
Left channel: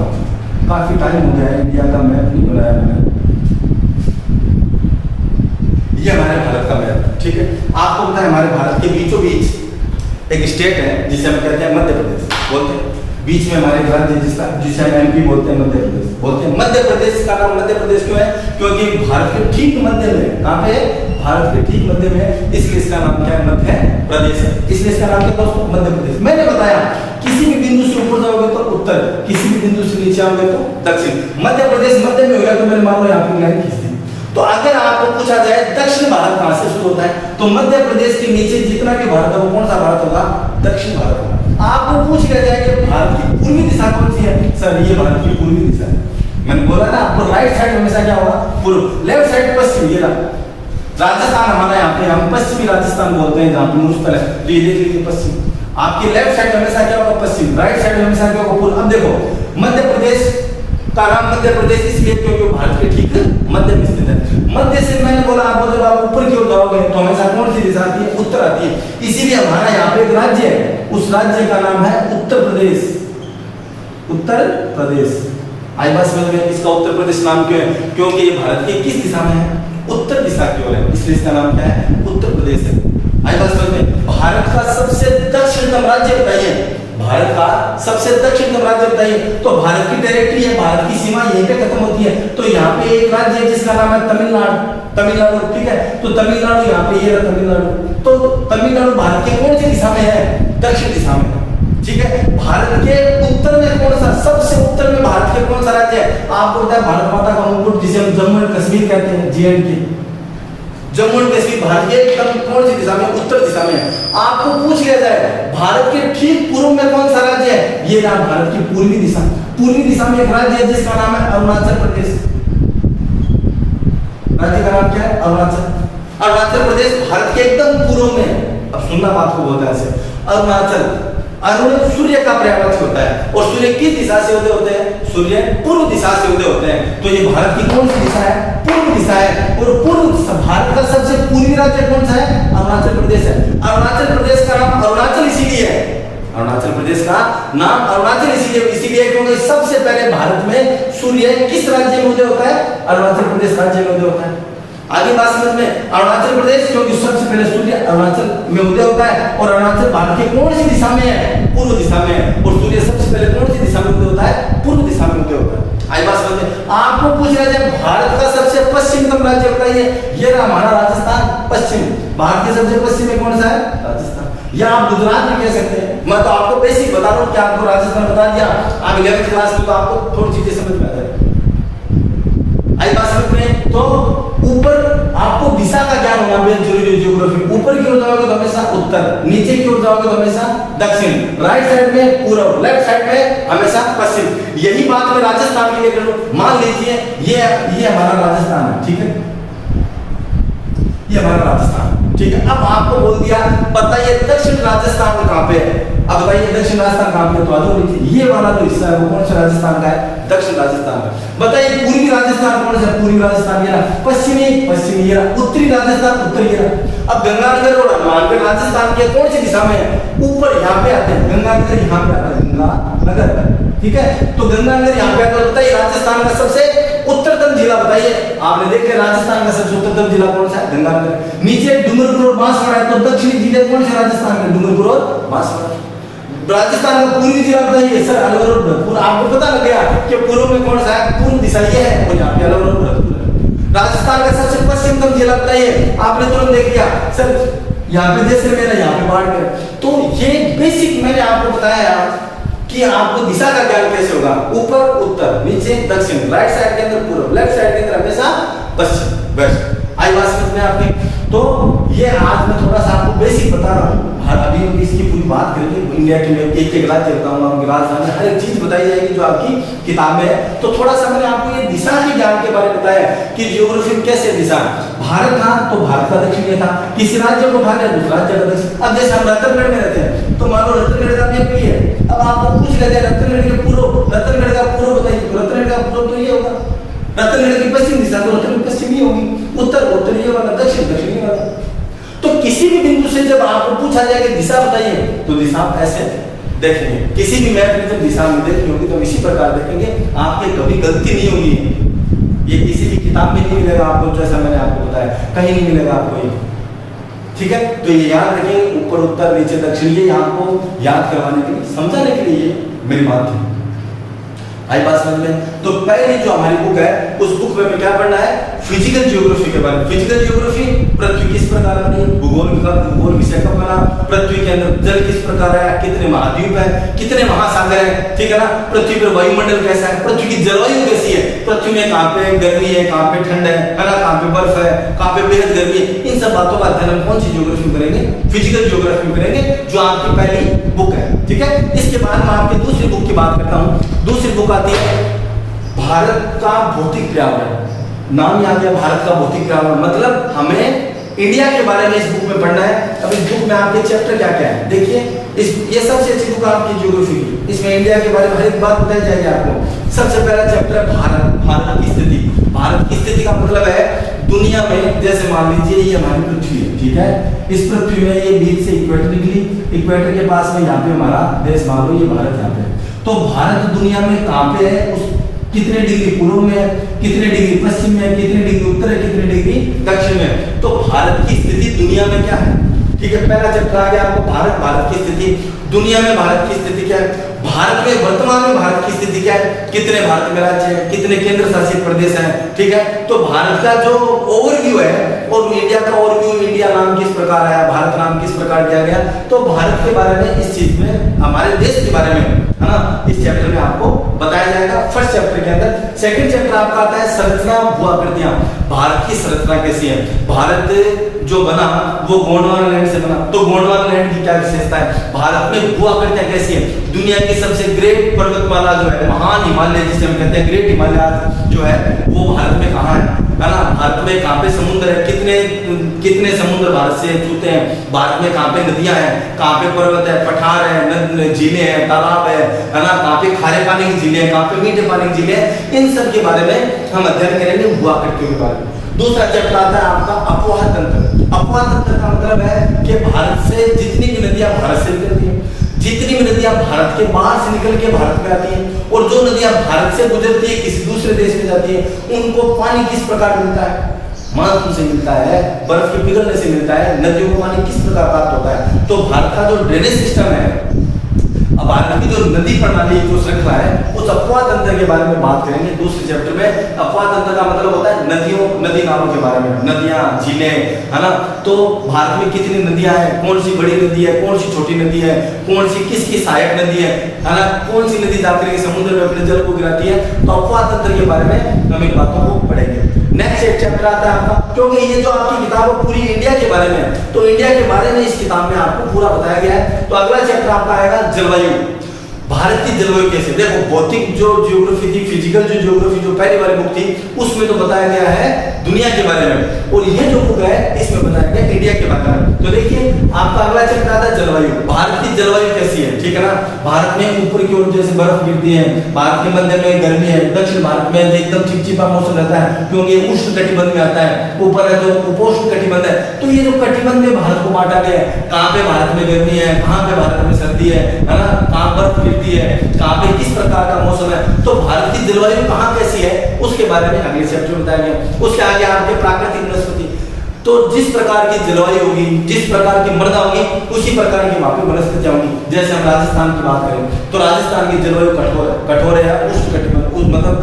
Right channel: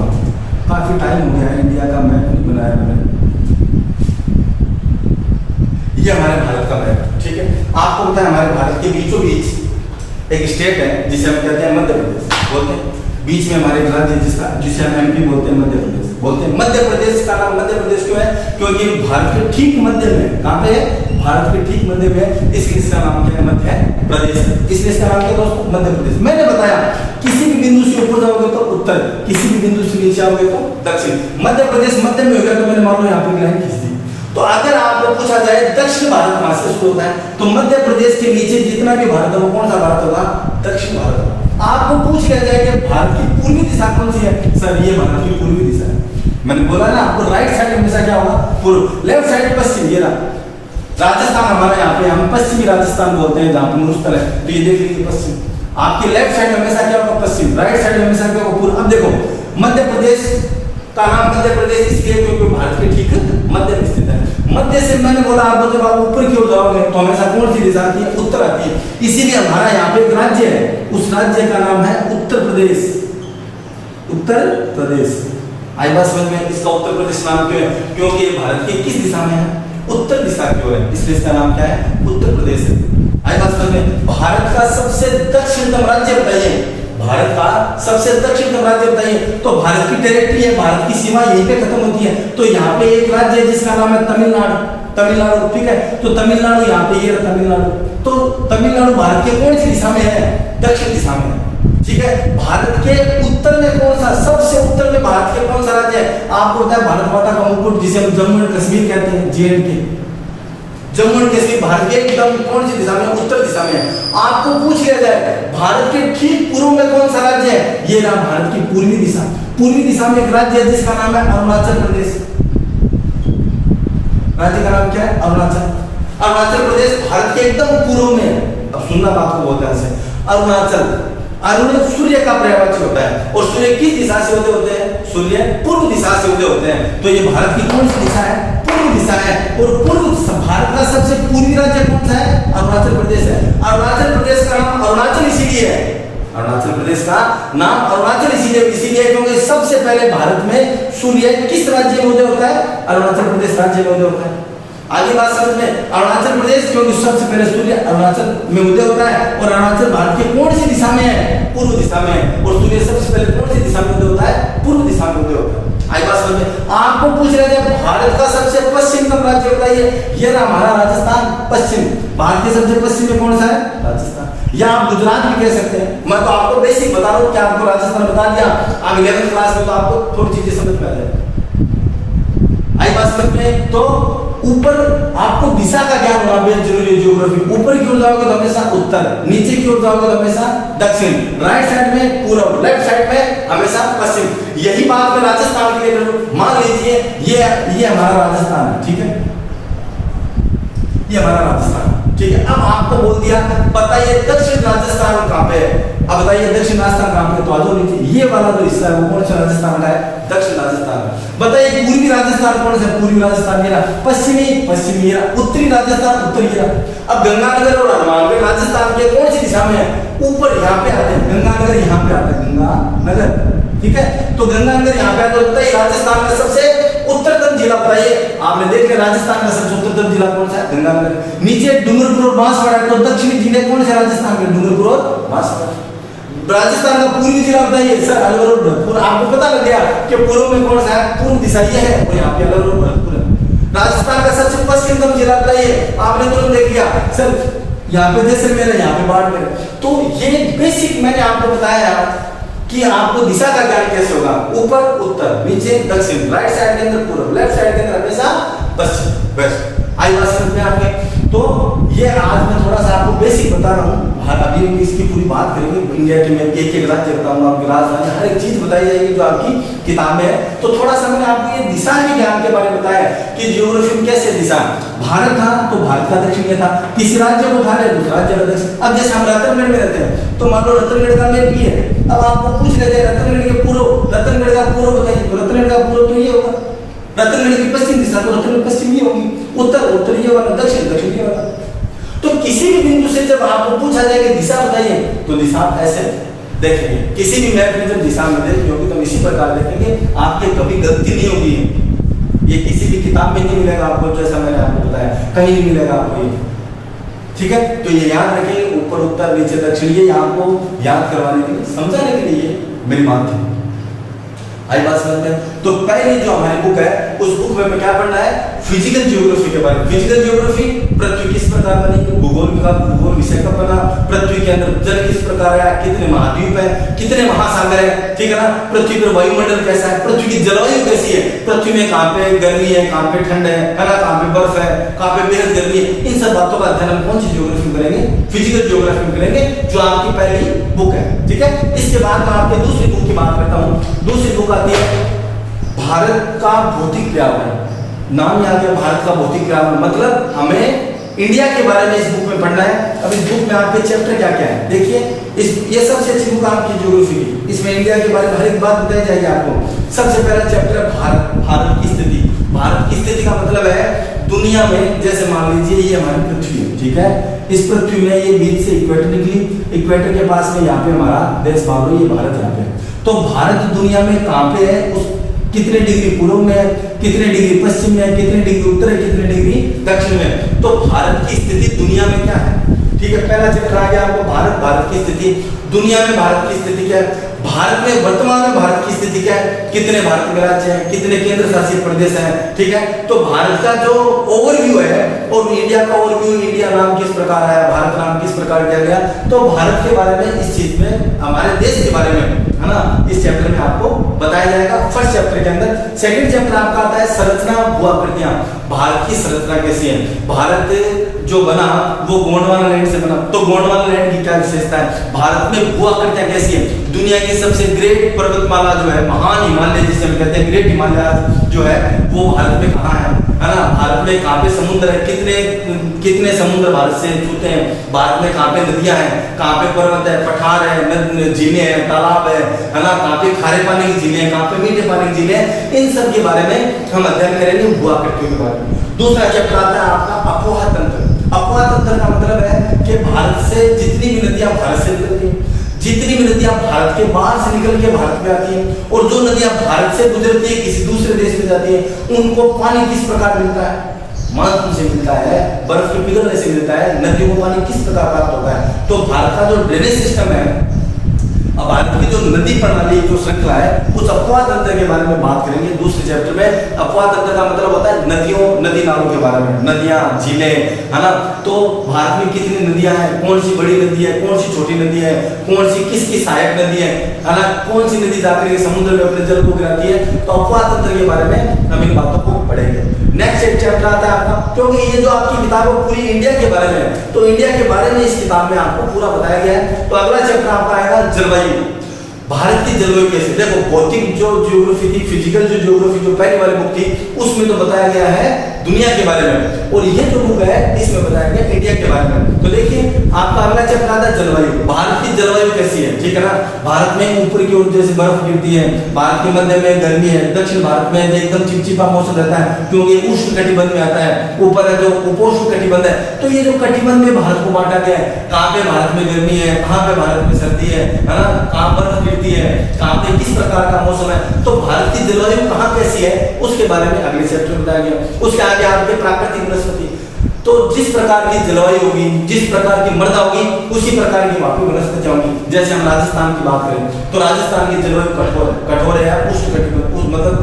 काफी टाइम हो गया है इंडिया का मैप नहीं बनाया मैंने, ये हमारे भारत का मैप, ठीक है। आपको पता है हमारे भारत के बीचों बीच एक स्टेट है जिसे हम कहते हैं मध्य प्रदेश, बोलते हैं बीच में हमारे राज्य जिसे हम एमपी बोलते हैं, मध्य प्रदेश बोलते हैं। मध्य प्रदेश का नाम मध्य प्रदेश क्यों है, क्योंकि भारत के ठीक मध्य में, कहां पे है, भारत के ठीक मध्य में, इसलिए इसका नाम क्या है, मध्य प्रदेश है, इसलिए इसका नाम क्या दोस्तों, मध्य प्रदेश। मैंने बताया किसी भी बिंदु से ऊपर जाओगे तो उत्तर, किसी भी बिंदु से नीचे आओगे तो दक्षिण। मध्य प्रदेश मध्य में हो गया तो मैंने मान लो यहाँ पे लाइन खींच दी। तो अगर आपको पूछा जाए दक्षिण भारत कहां से शुरू होता है तो मध्य प्रदेश के नीचे जितना भी भारत है वो कौन सा भारत होगा, दक्षिण भारत होगा। आपको पूछ लिया जाए कि भारत की पूर्वी दिशा कौन सी है, सर ये भारत की पूर्वी दिशा है। मैंने बोला ना आपको राइट साइड हमेशा क्या होगा, पूर्व, लेफ्ट साइड पश्चिम। ये राजस्थान हमारे यहाँ पे हम पश्चिमी राजस्थान बोलते हैं जहाँ पे मुस्तल है, तो ये देख लीजिए पश्चिम। आपकी लेफ्ट साइड हमेशा क्या होगा, पश्चिम, राइट साइड हमेशा क्या होगा, पूर्व। अब देखो मध्य प्रदेश का नाम मध्य प्रदेश इसलिए क्योंकि भारत के ठीक मध्य में स्थित है। मध्य से मैंने बोला आपको जब आप ऊपर की ओर जाओगे तो हमेशा कौन सी दिशा आती है, उत्तर आती है। इसीलिए हमारा यहाँ पे एक राज्य है, उस राज्य का नाम है उत्तर प्रदेश। उत्तर प्रदेश आई बात समझ में, इसका उत्तर प्रदेश नाम क्यों है, क्योंकि ये भारत की किस दिशा में है, उत्तर दिशा की ओर है, इसलिए इसका नाम क्या है, उत्तर प्रदेश है। आई बात समझ में। भारत का सबसे दक्षिणतम राज्य बताइए, भारत का सबसे दक्षिणतम राज्य बताइए। तो भारत की टेरिटरी है, भारत की सीमा यहीं पे खत्म होती है। तो यहाँ पे एक राज्य है जिसका नाम है तमिलनाडु, तमिलनाडु, ठीक है। तो तमिलनाडु यहाँ पे ये तमिलनाडु, तो तमिलनाडु भारत के कौन सी दिशा में है, दक्षिण दिशा में है, ठीक है। भारत के उत्तर में कौन सा, सबसे उत्तर में भारत के कौन सा राज्य है, आपको पता है भारत माता का मुकुट जिसे हम जम्मू एंड कश्मीर कहते हैं, JNK, जम्मू एंड कश्मीर भारत के एकदम कौन सी दिशा में, उत्तर दिशा में है। आपको पूछ लिया जाए भारत के ठीक पूर्व में कौन सा राज्य है, ये रहा भारत की पूर्वी दिशा। पूर्वी दिशा में एक राज्य है जिसका नाम है अरुणाचल प्रदेश। राज्य का नाम क्या है, अरुणाचल। अरुणाचल प्रदेश भारत के एकदम पूर्व में। अब सुनना बात को बोलते हैं ऐसे, अरुणाचल, अरुण सूर्य का पर्यायवाची होता है और सूर्य किस दिशा से उदय होते हैं, सूर्य पूर्व दिशा से उदय होते हैं। तो ये भारत की कौन सी दिशा है, पूर्व दिशा है। और पूर्व भारत का सबसे पूर्वी राज्य कौन सा है, अरुणाचल प्रदेश है। अरुणाचल प्रदेश का नाम अरुणाचल इसीलिए है, अरुणाचल प्रदेश का नाम अरुणाचल इसीलिए क्योंकि सबसे पहले भारत में सूर्य किस राज्य में उदय होता है, अरुणाचल प्रदेश राज्य में उदय होता है। आगे बात समझ में, अरुणाचल प्रदेश क्योंकि सबसे पहले सूर्य अरुणाचल में उदय होता है और अरुणाचल भारत के कौन सी दिशा में है, पूर्व दिशा में है। और सूर्य सबसे पहले कौन सी दिशा में उदय होता है, पूर्व दिशा में उदय होता है। आई बात समझ में। आपको पूछ रहे थे भारत का सबसे पश्चिमतम राज्य बताइए, ये रहा हमारा राजस्थान पश्चिम। भारत के सबसे पश्चिम में कौन सा है, राजस्थान। या आप गुजरात भी कह सकते हैं। मैं तो आपको बेसिक बता रहा हूँ कि आपको राजस्थान बता दिया, आप 11th क्लास में तो आपको थोड़ी चीजें समझ में आ जाए। आई बात समझ में। तो ऊपर आपको दिशा का ज्ञान होना बेहद जरूरी है, ज्योग्राफी। ऊपर की ओर जाओगे तो हमेशा उत्तर, नीचे की ओर जाओगे तो हमेशा दक्षिण, राइट साइड में पूर्व, लेफ्ट साइड में हमेशा पश्चिम। यही बात मैं राजस्थान के लिए मान लीजिए, ये हमारा राजस्थान है, ठीक है, ये हमारा राजस्थान, ठीक है। अब आपको बोल दिया बताइए दक्षिण राजस्थान कहां पे है। अब बताइए दक्षिण राजस्थान कहां पे, तो आ जाओ नीचे, ये वाला जो हिस्सा है वो कौन सा राजस्थान का है, दक्षिण राजस्थान। बताइए पूर्वी राजस्थान कौन सा, पूर्वी राजस्थान, ये रहा। पश्चिमी ये रहा। उत्तरी राजस्थान, उत्तरी ये रहा। अब गंगानगर और हनुमानगढ़ राजस्थान के कौन सी दिशा में है, ऊपर यहाँ पे आते हैं, गंगानगर यहाँ पे आता है, गंगानगर, ठीक है। तो गंगानगर यहाँ पे आता है। बताइए राजस्थान का सबसे उत्तरतम जिला बताइए, आपने देख लिया राजस्थान का सबसे उत्तरतम जिला कौन सा है, गंगानगर। नीचे डूंगरपुर और बांसवाड़ा है, तो दक्षिणी जिले कौन से राजस्थान में, डूंगरपुर और बांसवाड़ा। राजस्थान का पूर्वी जिला बताइए, सर अलवर और भरतपुर। आपको पता लग गया कि पूर्व में कौन सा है, पूर्व दिशा ये है और यहाँ पे अलवर और भरतपुर है। राजस्थान का सबसे पश्चिमतम जिला बताइए, आपने तुरंत देख लिया, सर यहाँ पे जैसलमेर है, यहाँ पे बाड़मेर। तो ये बेसिक मैंने आपको बताया कि आपको दिशा का ज्ञान कैसे होगा, ऊपर उत्तर, नीचे दक्षिण, राइट साइड के अंदर पूर्व, लेफ्ट साइड के अंदर हमेशा पश्चिम, वेस्ट। आई बात समझ में आपकी? तो ये आज मैं थोड़ा सा आपको बेसिक बता रहा हूँ। अभी हम इसकी पूरी बात करेंगे, इंडिया के लिए एक एक राज्य बताऊंगा, उनके राजधानी, हर एक चीज बताई जाएगी जो आपकी किताब में है। तो थोड़ा सा मैंने आपको ये दिशा के ज्ञान के बारे में बताया कि जियोग्राफी में कैसे दिशा, भारत था तो भारत का दक्षिण में था, किसी राज्य को उठा लिया दूसरा राज्य का दक्षिण। अब जैसे हम रतनगढ़ में रहते हैं तो मान लो रतनगढ़ का एमपी है, अब आपको पूछ लिया जाए रतनगढ़ के पूर्व, रतनगढ़ का पूर्व बताइए, तो रतनगढ़ का पूर्व तो ये होगा, रतनगढ़ की पश्चिम दिशा तो रतनगढ़ पश्चिम ही होगी, उत्तर उत्तर ये वाला, दक्षिण दक्षिण ये वाला। तो किसी भी बिंदु से जब आपको पूछा जाएगा दिशा बताइए तो दिशा आप ऐसे देखेंगे, किसी भी मैप में जब दिशा में देखनी होगी तो इसी प्रकार देखेंगे, आपके कभी गलती नहीं होगी। ये किसी भी किताब में नहीं मिलेगा आपको, जैसा मैंने आपको बताया कहीं नहीं मिलेगा आपको ये, ठीक है। तो ये याद रखिए, ऊपर उत्तर नीचे दक्षिण, ये आपको याद करवाने के लिए, समझाने के लिए मेरी बात थी। आई बात समझ में? तो पहली जो हमारी बुक है उस बुक में हमें क्या पढ़ना है, फिजिकल जियोग्राफी के बारे में। फिजिकल जियोग्राफी, पृथ्वी किस प्रकार बनी, भूगोल विषय कब बना, पृथ्वी के अंदर जल किस प्रकार है, कितने महाद्वीप है, कितने महासागर है, ठीक है ना, पृथ्वी पर वायुमंडल कैसा है, पृथ्वी की जलवायु कैसी है, पृथ्वी में कहाँ पे गर्मी है, कहाँ पे ठंड है ना, कहाँ पे बर्फ है, कहाँ पे बेहद गर्मी है। इन सब बातों का अध्ययन हम कौन सी जियोग्राफी में करेंगे, फिजिकल जियोग्राफी में करेंगे, जो आपकी पहली बुक है, ठीक है। इसके बाद मैं आपकी दूसरी बुक की बात करता हूँ। दूसरी बुक आती है भारत का भौतिक पर्यावरण। नाम याद है, भारत का भौतिक पर्यावरण, मतलब हमें इंडिया के बारे में इस बुक में पढ़ना है। अब इस बुक में आपके चैप्टर क्या क्या है देखिए, ये सबसे अच्छी बुक आपकी ज्योग्राफी की, इसमें इंडिया के बारे में हर एक बात बताई जाएगी आपको। सबसे पहला चैप्टर है भारत, भारत की स्थिति। भारत की स्थिति का मतलब है दुनिया में, जैसे मान लीजिए ये हमारी पृथ्वी है, ठीक है, इस पृथ्वी में ये बीच से इक्वेटर निकली, इक्वेटर के पास में यहाँ पे हमारा देश, मान लो ये भारत यहाँ पे। तो भारत दुनिया में कहाँ पे है, उस कितने डिग्री पूर्व में है, कितने डिग्री पश्चिम में है, कितने डिग्री उत्तर है, कितने डिग्री दक्षिण में है। तो भारत की स्थिति दुनिया में क्या है, ठीक है। पहला चैप्टर आ गया आपको भारत, भारत की स्थिति, दुनिया में भारत की स्थिति क्या है, भारत में वर्तमान में भारत की स्थिति क्या है, कितने भारत में राज्य हैं, कितने केंद्र शासित प्रदेश हैं, ठीक है। तो भारत का जो ओवरव्यू है और इंडिया का ओवरव्यू, इंडिया नाम किस प्रकार आया, भारत नाम किस प्रकार दिया गया, तो भारत के बारे में, इस चीज में, हमारे देश के बारे में, है ना, इस चैप्टर में आपको बताया जाएगा फर्स्ट चैप्टर के अंदर। सेकंड चैप्टर आपका आता है संरचना भू-आकृतियां, भारत की संरचना कैसी है, भारत जो बना वो गोंडवाना लैंड से बना, तो गोंडवाना लैंड की क्या विशेषता है, भारत में भू-आकृतियां कैसी है, दुनिया की सबसे ग्रेट पर्वतमाला जो है, महान हिमालय जिसे हम कहते हैं, ग्रेट हिमालय जो है वो भारत में कहाँ है ना, भारत में कहाँ पे समुद्र है, कितने समुद्र भारत से छूते हैं, भारत में कहाँ पे नदियां हैं, कहाँ पे पर्वत है, पठार है, झीलें हैं, तालाब है ना, कहाँ पे खारे पानी की झीलें हैं, कहाँ पे मीठे पानी की झीलें हैं, इन सब के बारे में हम अध्ययन करेंगे भू-आकृतियों के बारे में। दूसरा चैप्टर आता है आपका अपवाह तंत्र। अपवाह तंत्र का मतलब है कि भारत से जितनी भी नदियां भारत से निकलती हैं, जितनी भी नदियां भारत के बाहर से निकल के भारत में आती हैं, और जो नदियां भारत से गुजरती है किसी दूसरे देश में जाती है, उनको पानी किस प्रकार मिलता है, मानसून से मिलता है, बर्फ के पिघलने से मिलता है, नदियों को पानी किस प्रकार प्राप्त होता है। तो भारत का जो ड्रेनेज सिस्टम है, अब भारत की जो नदी प्रणाली जो श्रृंखला है, उस अपवाह तंत्र के बारे में बात करेंगे दूसरे चैप्टर में। अपवाह तंत्र का मतलब होता है नदियों, नदी नालों के बारे में, नदियां, झीलें, है ना। तो भारत में कितनी नदियां हैं, कौन सी बड़ी नदी है, कौन सी छोटी नदी है, कौन सी किसकी सहायक नदी है ना, कौन सी नदी जाती है समुद्र में अपने जल को गिराती है। तो अपवाह तंत्र के बारे में हम इन बातों को पढ़ेंगे। नेक्स्ट एक चैप्टर आता है आपका, क्योंकि ये जो आपकी किताब है पूरी इंडिया के बारे में है, तो इंडिया के बारे में इस किताब में आपको पूरा बताया गया है। तो अगला चैप्टर आपका आएगा जलवायु। भारत की जलवायु कैसे, देखो भौतिक जो जियोग्राफी थी, फिजिकल जो जियोग्राफी जो पहली वाली बुक थी, उसमें तो बताया गया है दुनिया के बारे में, और ये जो बुक है इसमें बताया गया इंडिया के बारे में। तो देखिए आपका अगला चैप्टर आता है जलवायु। भारत की जलवायु कैसी है, ठीक है ना। भारत में ऊपर की ओर जैसे बर्फ गिरती है, भारत के मध्य में गर्मी है, दक्षिण भारत में एकदम चिपचिपा मौसम रहता है क्योंकि उष्ण कटिबंध में आता है, ऊपर है जो उपोष्ण कटिबंध है। तो ये जो कटिबंध में भारत को बांटा गया है, कहाँ पे भारत में गर्मी है, कहाँ पे भारत में सर्दी है ना, कहाँ बर्फ गिरती है, कहाँ पे किस प्रकार का मौसम है। तो भारत की जलवायु कहाँ कैसी है उसके बारे में अगले चैप्टर में बताया गया। उसके आगे आपके प्राकृतिक वनस्पति, तो जिस प्रकार की जलवायु होगी, जिस प्रकार की मृदा होगी, उसी प्रकार की वहां पे वनस्पतियां होंगी। जैसे हम राजस्थान की बात करें तो राजस्थान की जलवायु कठोर है, उष्ण कटिबंध, मतलब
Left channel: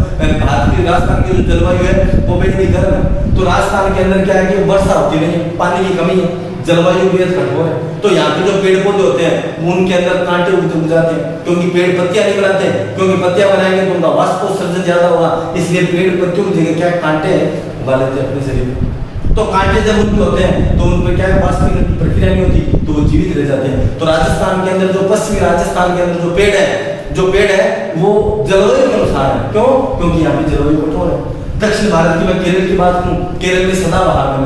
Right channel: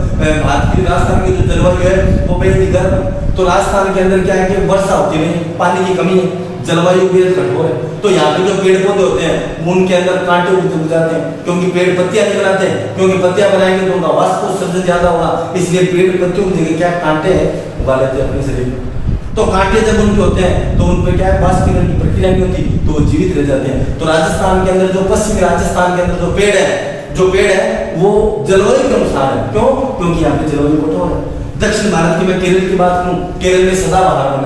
भारत की राजस्थान की जो जलवायु है वो बेहद गर्म है। तो राजस्थान के अंदर क्या है कि वर्षा होती नहीं, पानी की कमी है, जलवायु बेहद कठोर है, तो यहाँ पे जो पेड़ पौधे होते हैं उनके अंदर कांटे उग जाते हैं, क्योंकि पेड़ पत्तियां नहीं बनाते, क्योंकि पत्तियां बनाएंगे तो उनका वाष्पोत्सर्जन ज्यादा होगा, इसलिए पेड़ पत्तियों की जगह क्या कांटे उगा लेते हैं अपने शरीर में। तो कांटे जब उनके होते हैं तो उनपे क्या है, वाष्पीकरण की प्रक्रिया नहीं होती, तो वो जीवित रह जाते हैं। तो राजस्थान के अंदर जो पश्चिमी राजस्थान के अंदर जो पेड़ है वो जलवायु के अनुसार है। क्यों? क्योंकि यहाँ पे जलवायु कठोर है। दक्षिण भारत की मैं केरल की बात करूं, केरल में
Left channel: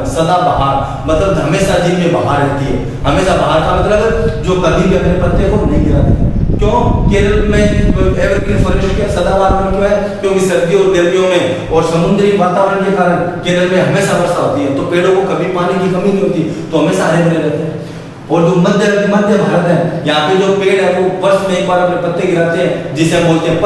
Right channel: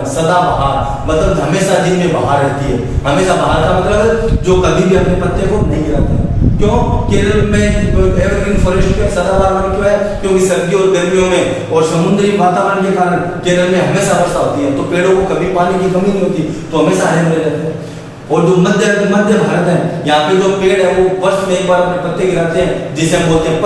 सदाबहार मतलब हमेशा दिन में बहार रहती है। हमेशा बहार का मतलब जो कभी भी अपने पत्ते को नहीं गिराते हैं। क्यों? केरल में एवरग्रीन फॉरेस्ट क्या सदाबहार क्यों है? क्योंकि सर्दियों और गर्मियों में और समुद्री वातावरण के कारण केरल में हमेशा वर्षा होती है, तो पेड़ों को कभी पानी की कमी नहीं होती, तो हमेशा हरे भरे रहते हैं। और जो मध्य भारत है, यहाँ पे जो पेड़ है वो वर्ष में एक बार अपने पत्ते गिराते हैं, जिसे हम बोलते हैं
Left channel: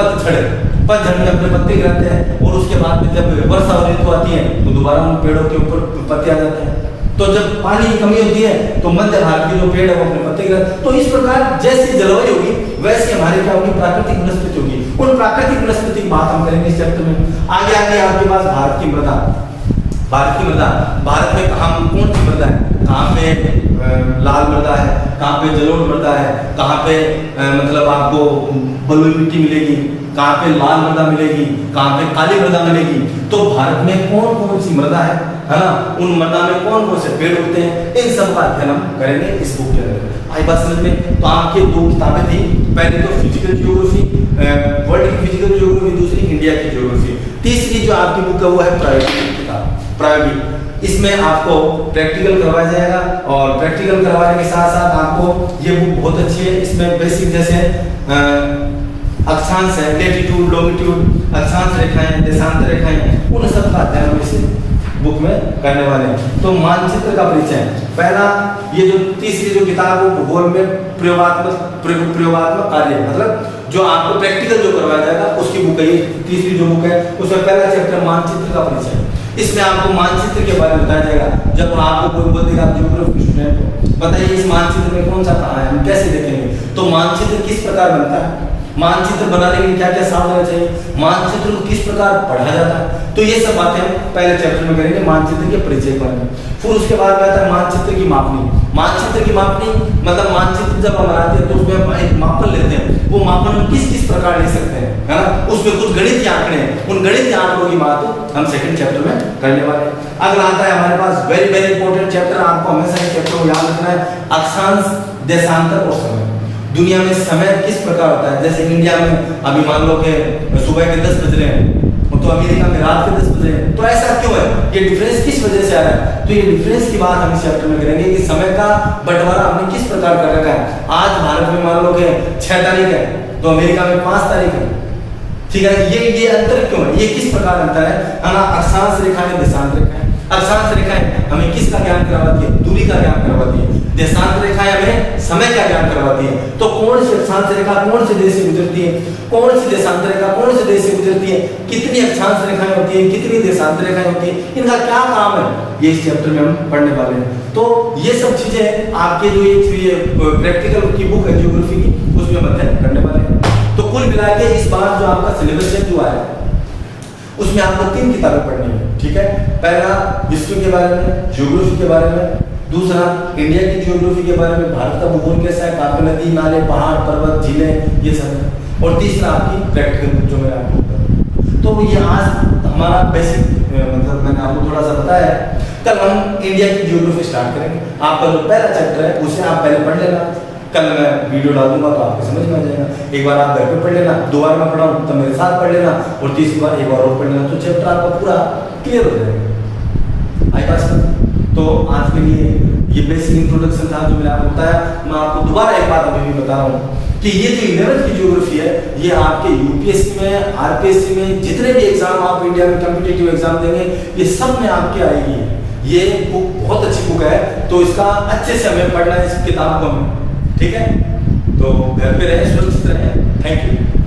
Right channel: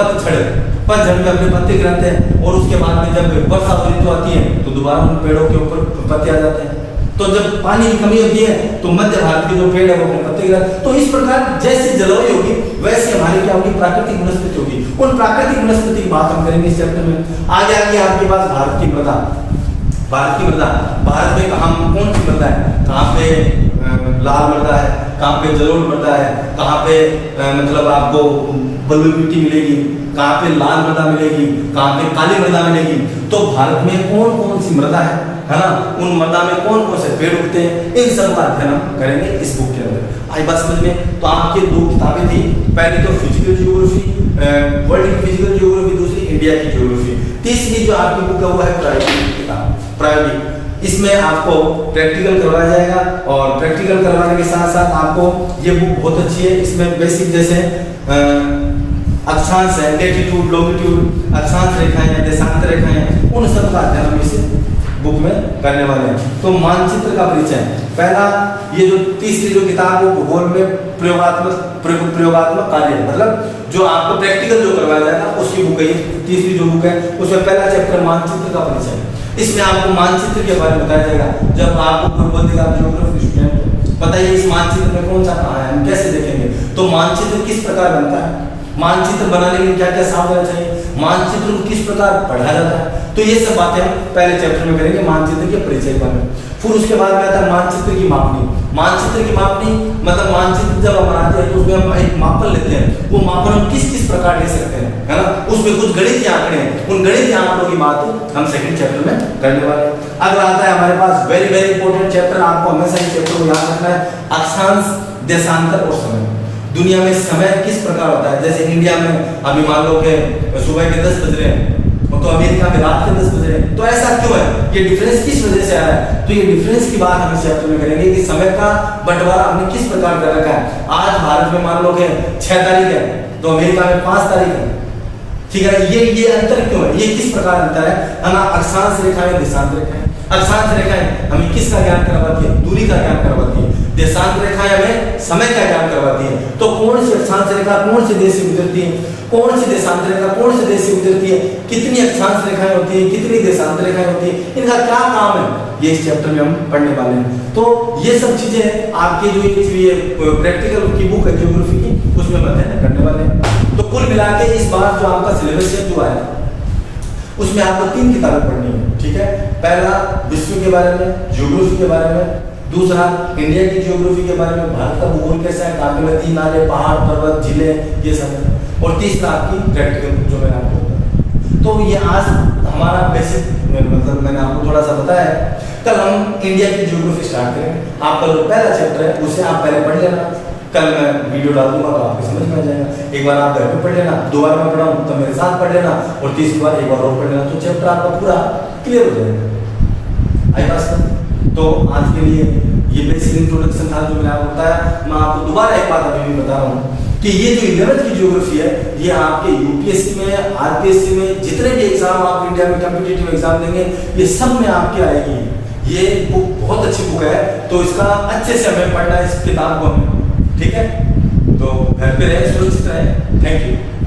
पतझड़ में अपने पत्ते गिराते हैं, और उसके बाद में जब वर्षा ऋतु आती है तो दोबारा उन पेड़ों के ऊपर पत्ते आ जाते हैं। तो जब पानी की कमी होती है तो मध्य भारत के जो पेड़ है वो अपने पत्ते गिराते हैं। तो इस प्रकार जैसी जलवायु होगी वैसे हमारी क्या होगी, प्राकृतिक वनस्पति होगी। उन प्राकृतिक वनस्पति की बात हम करेंगे इस चैप्टर में। आगे आपके पास भारत की मृदा, भारत में कहाँ कौन सी मृदा है, कहाँ पे लाल मृदा है, कहाँ पे जलोढ़ मृदा है, कहाँ पे मतलब आपको बलुई मिट्टी मिलेगी, कहाँ पे लाल मृदा मिलेगी, कहाँ पे काली मृदा मिलेगी। तो भारत में कौन कौन सी मृदा है ना, उन मृदा में कौन कौन से पेड़ उगते हैं, इन सब का अध्ययन हम करेंगे इस बुक के अंदर। आई बात समझ में? तो आपके दो किताबें थी, पहले तो फिजिकल जियोग्राफी, वर्ल्ड की फिजिकल जियोग्राफी, दूसरी इंडिया की जियोग्राफी। तीसरी जो आपकी बुक है वो है प्रायोगिक। इसमें आपको प्रैक्टिकल करवाया जाएगा, और प्रैक्टिकल करवाने के साथ साथ आपको ये बुक बहुत अच्छी है। इसमें बेसिक जैसे अक्षांश है, लेटीट्यूड लॉन्गिट्यूड, अक्षांश रेखाएं, देशांतर रेखाएं, उन सब का अध्ययन हम इस बुक में करने वाले हैं। तो मानचित्र का परिचय पहला, ये जो तीसरी जो किताब है भूगोल में प्रयोगात्मक कार्य, मतलब जो आपको प्रैक्टिकल जो करवाया जाएगा उसकी बुक है ये तीसरी जो बुक है। उसमें पहला चैप्टर मानचित्र का परिचय, इसमें आपको मानचित्र के बारे में बताया जाएगा। जब आपको कोई बोलेगा आप ज्योग्राफी स्टूडेंट हो, बताइए इस मानचित्र में कौन सा कहाँ है, हम कैसे देखेंगे, तो मानचित्र किस प्रकार बनता है, मानचित्र बनाने के लिए क्या क्या सावधानी चाहिए, मानचित्र को किस प्रकार पढ़ा जाता है, तो ये सब बातें हम पहले चैप्टर में करेंगे मानचित्र के परिचय पर। फिर उसके बाद आता है मानचित्र की मापनी। मानचित्र की मापनी मतलब मानचित्र जब हम बनाते हैं तो उसमें हम एक मापन लेते हैं, वो मापन हम किस किस प्रकार ले सकते हैं, है ना, उसमें कुछ गणितीय आंकड़े हैं, उन गणितीय आंकड़ों की बात हम सेकंड चैप्टर में करने वाले हैं। अगला आता है हमारे पास वेरी वेरी इंपॉर्टेंट चैप्टर, आपको हमेशा इस चैप्टर को याद रखना है, अक्षांश, देशांतर और समय। दुनिया में समय किस प्रकार होता है, जैसे इंडिया में अभी मान लो कि सुबह के 10 बज रहे हैं, तो अमेरिका में रात के 10 बज रहे हैं, तो ऐसा क्यों है, ये डिफरेंस किस वजह से आया है, तो ये डिफरेंस की बात हम इस चैप्टर में करेंगे कि समय का बंटवारा हमने किस प्रकार कर रखा है। आज भारत में मान लो कि 6 तारीख है, तो अमेरिका में 5 तारीख है, ठीक है। ये अंतर क्यों है, ये किस प्रकार अंतर है ना, अक्षांश रेखाएं, देशांतर रेखाएं। अक्षांश रेखाएं हमें किसका ज्ञान करवाती है, दूरी का ज्ञान करवाती है। देशांतर रेखाएं हमें समय का ज्ञान करवाती है। तो कौन सी अक्षांश रेखा कौन से देश से गुजरती है, कौन सी देशांतर रेखा कौन से देश से गुजरती है, कितनी अक्षांश रेखाएं होती है, कितनी देशांतर रेखाएं होती है, इनका क्या काम है, ये इस चैप्टर में हम पढ़ने वाले हैं। तो ये सब चीजें आपके जो ये प्रैक्टिकल की बुक है ज्योग्राफी की, उसमें अध्ययन करने वाले हैं। तो कुल मिला के इस बार जो आपका सिलेबस है जो है उसमें आपको 3 किताबें पढ़नी है, ठीक है। पहला विश्व के बारे में, ज्योग्राफी के बारे में, दूसरा इंडिया की ज्योग्राफी के बारे में, भारत का भूगोल कैसा है, कहाँ पे नदी नाले पहाड़ पर्वत झीलें ये सब है, और तीसरा आपकी प्रैक्टिकल जो मैं आपको बताऊँ। तो ये आज हमारा बेसिक मतलब मैंने आपको थोड़ा सा बताया है। कल हम इंडिया की ज्योग्राफी स्टार्ट करेंगे। आपका जो पहला चैप्टर है उसे आप पहले पढ़ लेना, कल मैं वीडियो डाल दूंगा तो आपको समझ में आ जाएगा। एक बार आप घर पे पढ़ लेना, 2 बार मैं पढ़ाऊँ तो मेरे साथ पढ़ लेना, और तीसरी बार एक बार और पढ़ लेना, तो चैप्टर आपका पूरा क्लियर हो जाएगा। आई बात। तो आज के लिए ये बेसिक इंट्रोडक्शन था जो मैंने आपको बताया। मैं आपको दोबारा एक बात अभी भी बता रहा हूँ कि ये जो 11th की ज्योग्राफी है ये आपके यूपीएससी में, आरपीएससी में, जितने भी एग्जाम आप इंडिया में कॉम्पिटिटिव एग्जाम देंगे ये सब में आपके आएगी। ये बुक बहुत अच्छी बुक है, तो इसका अच्छे से हमें पढ़ना है इस किताब को हमें, ठीक है। तो घर पे रहे, सुरक्षित रहे। Thank you.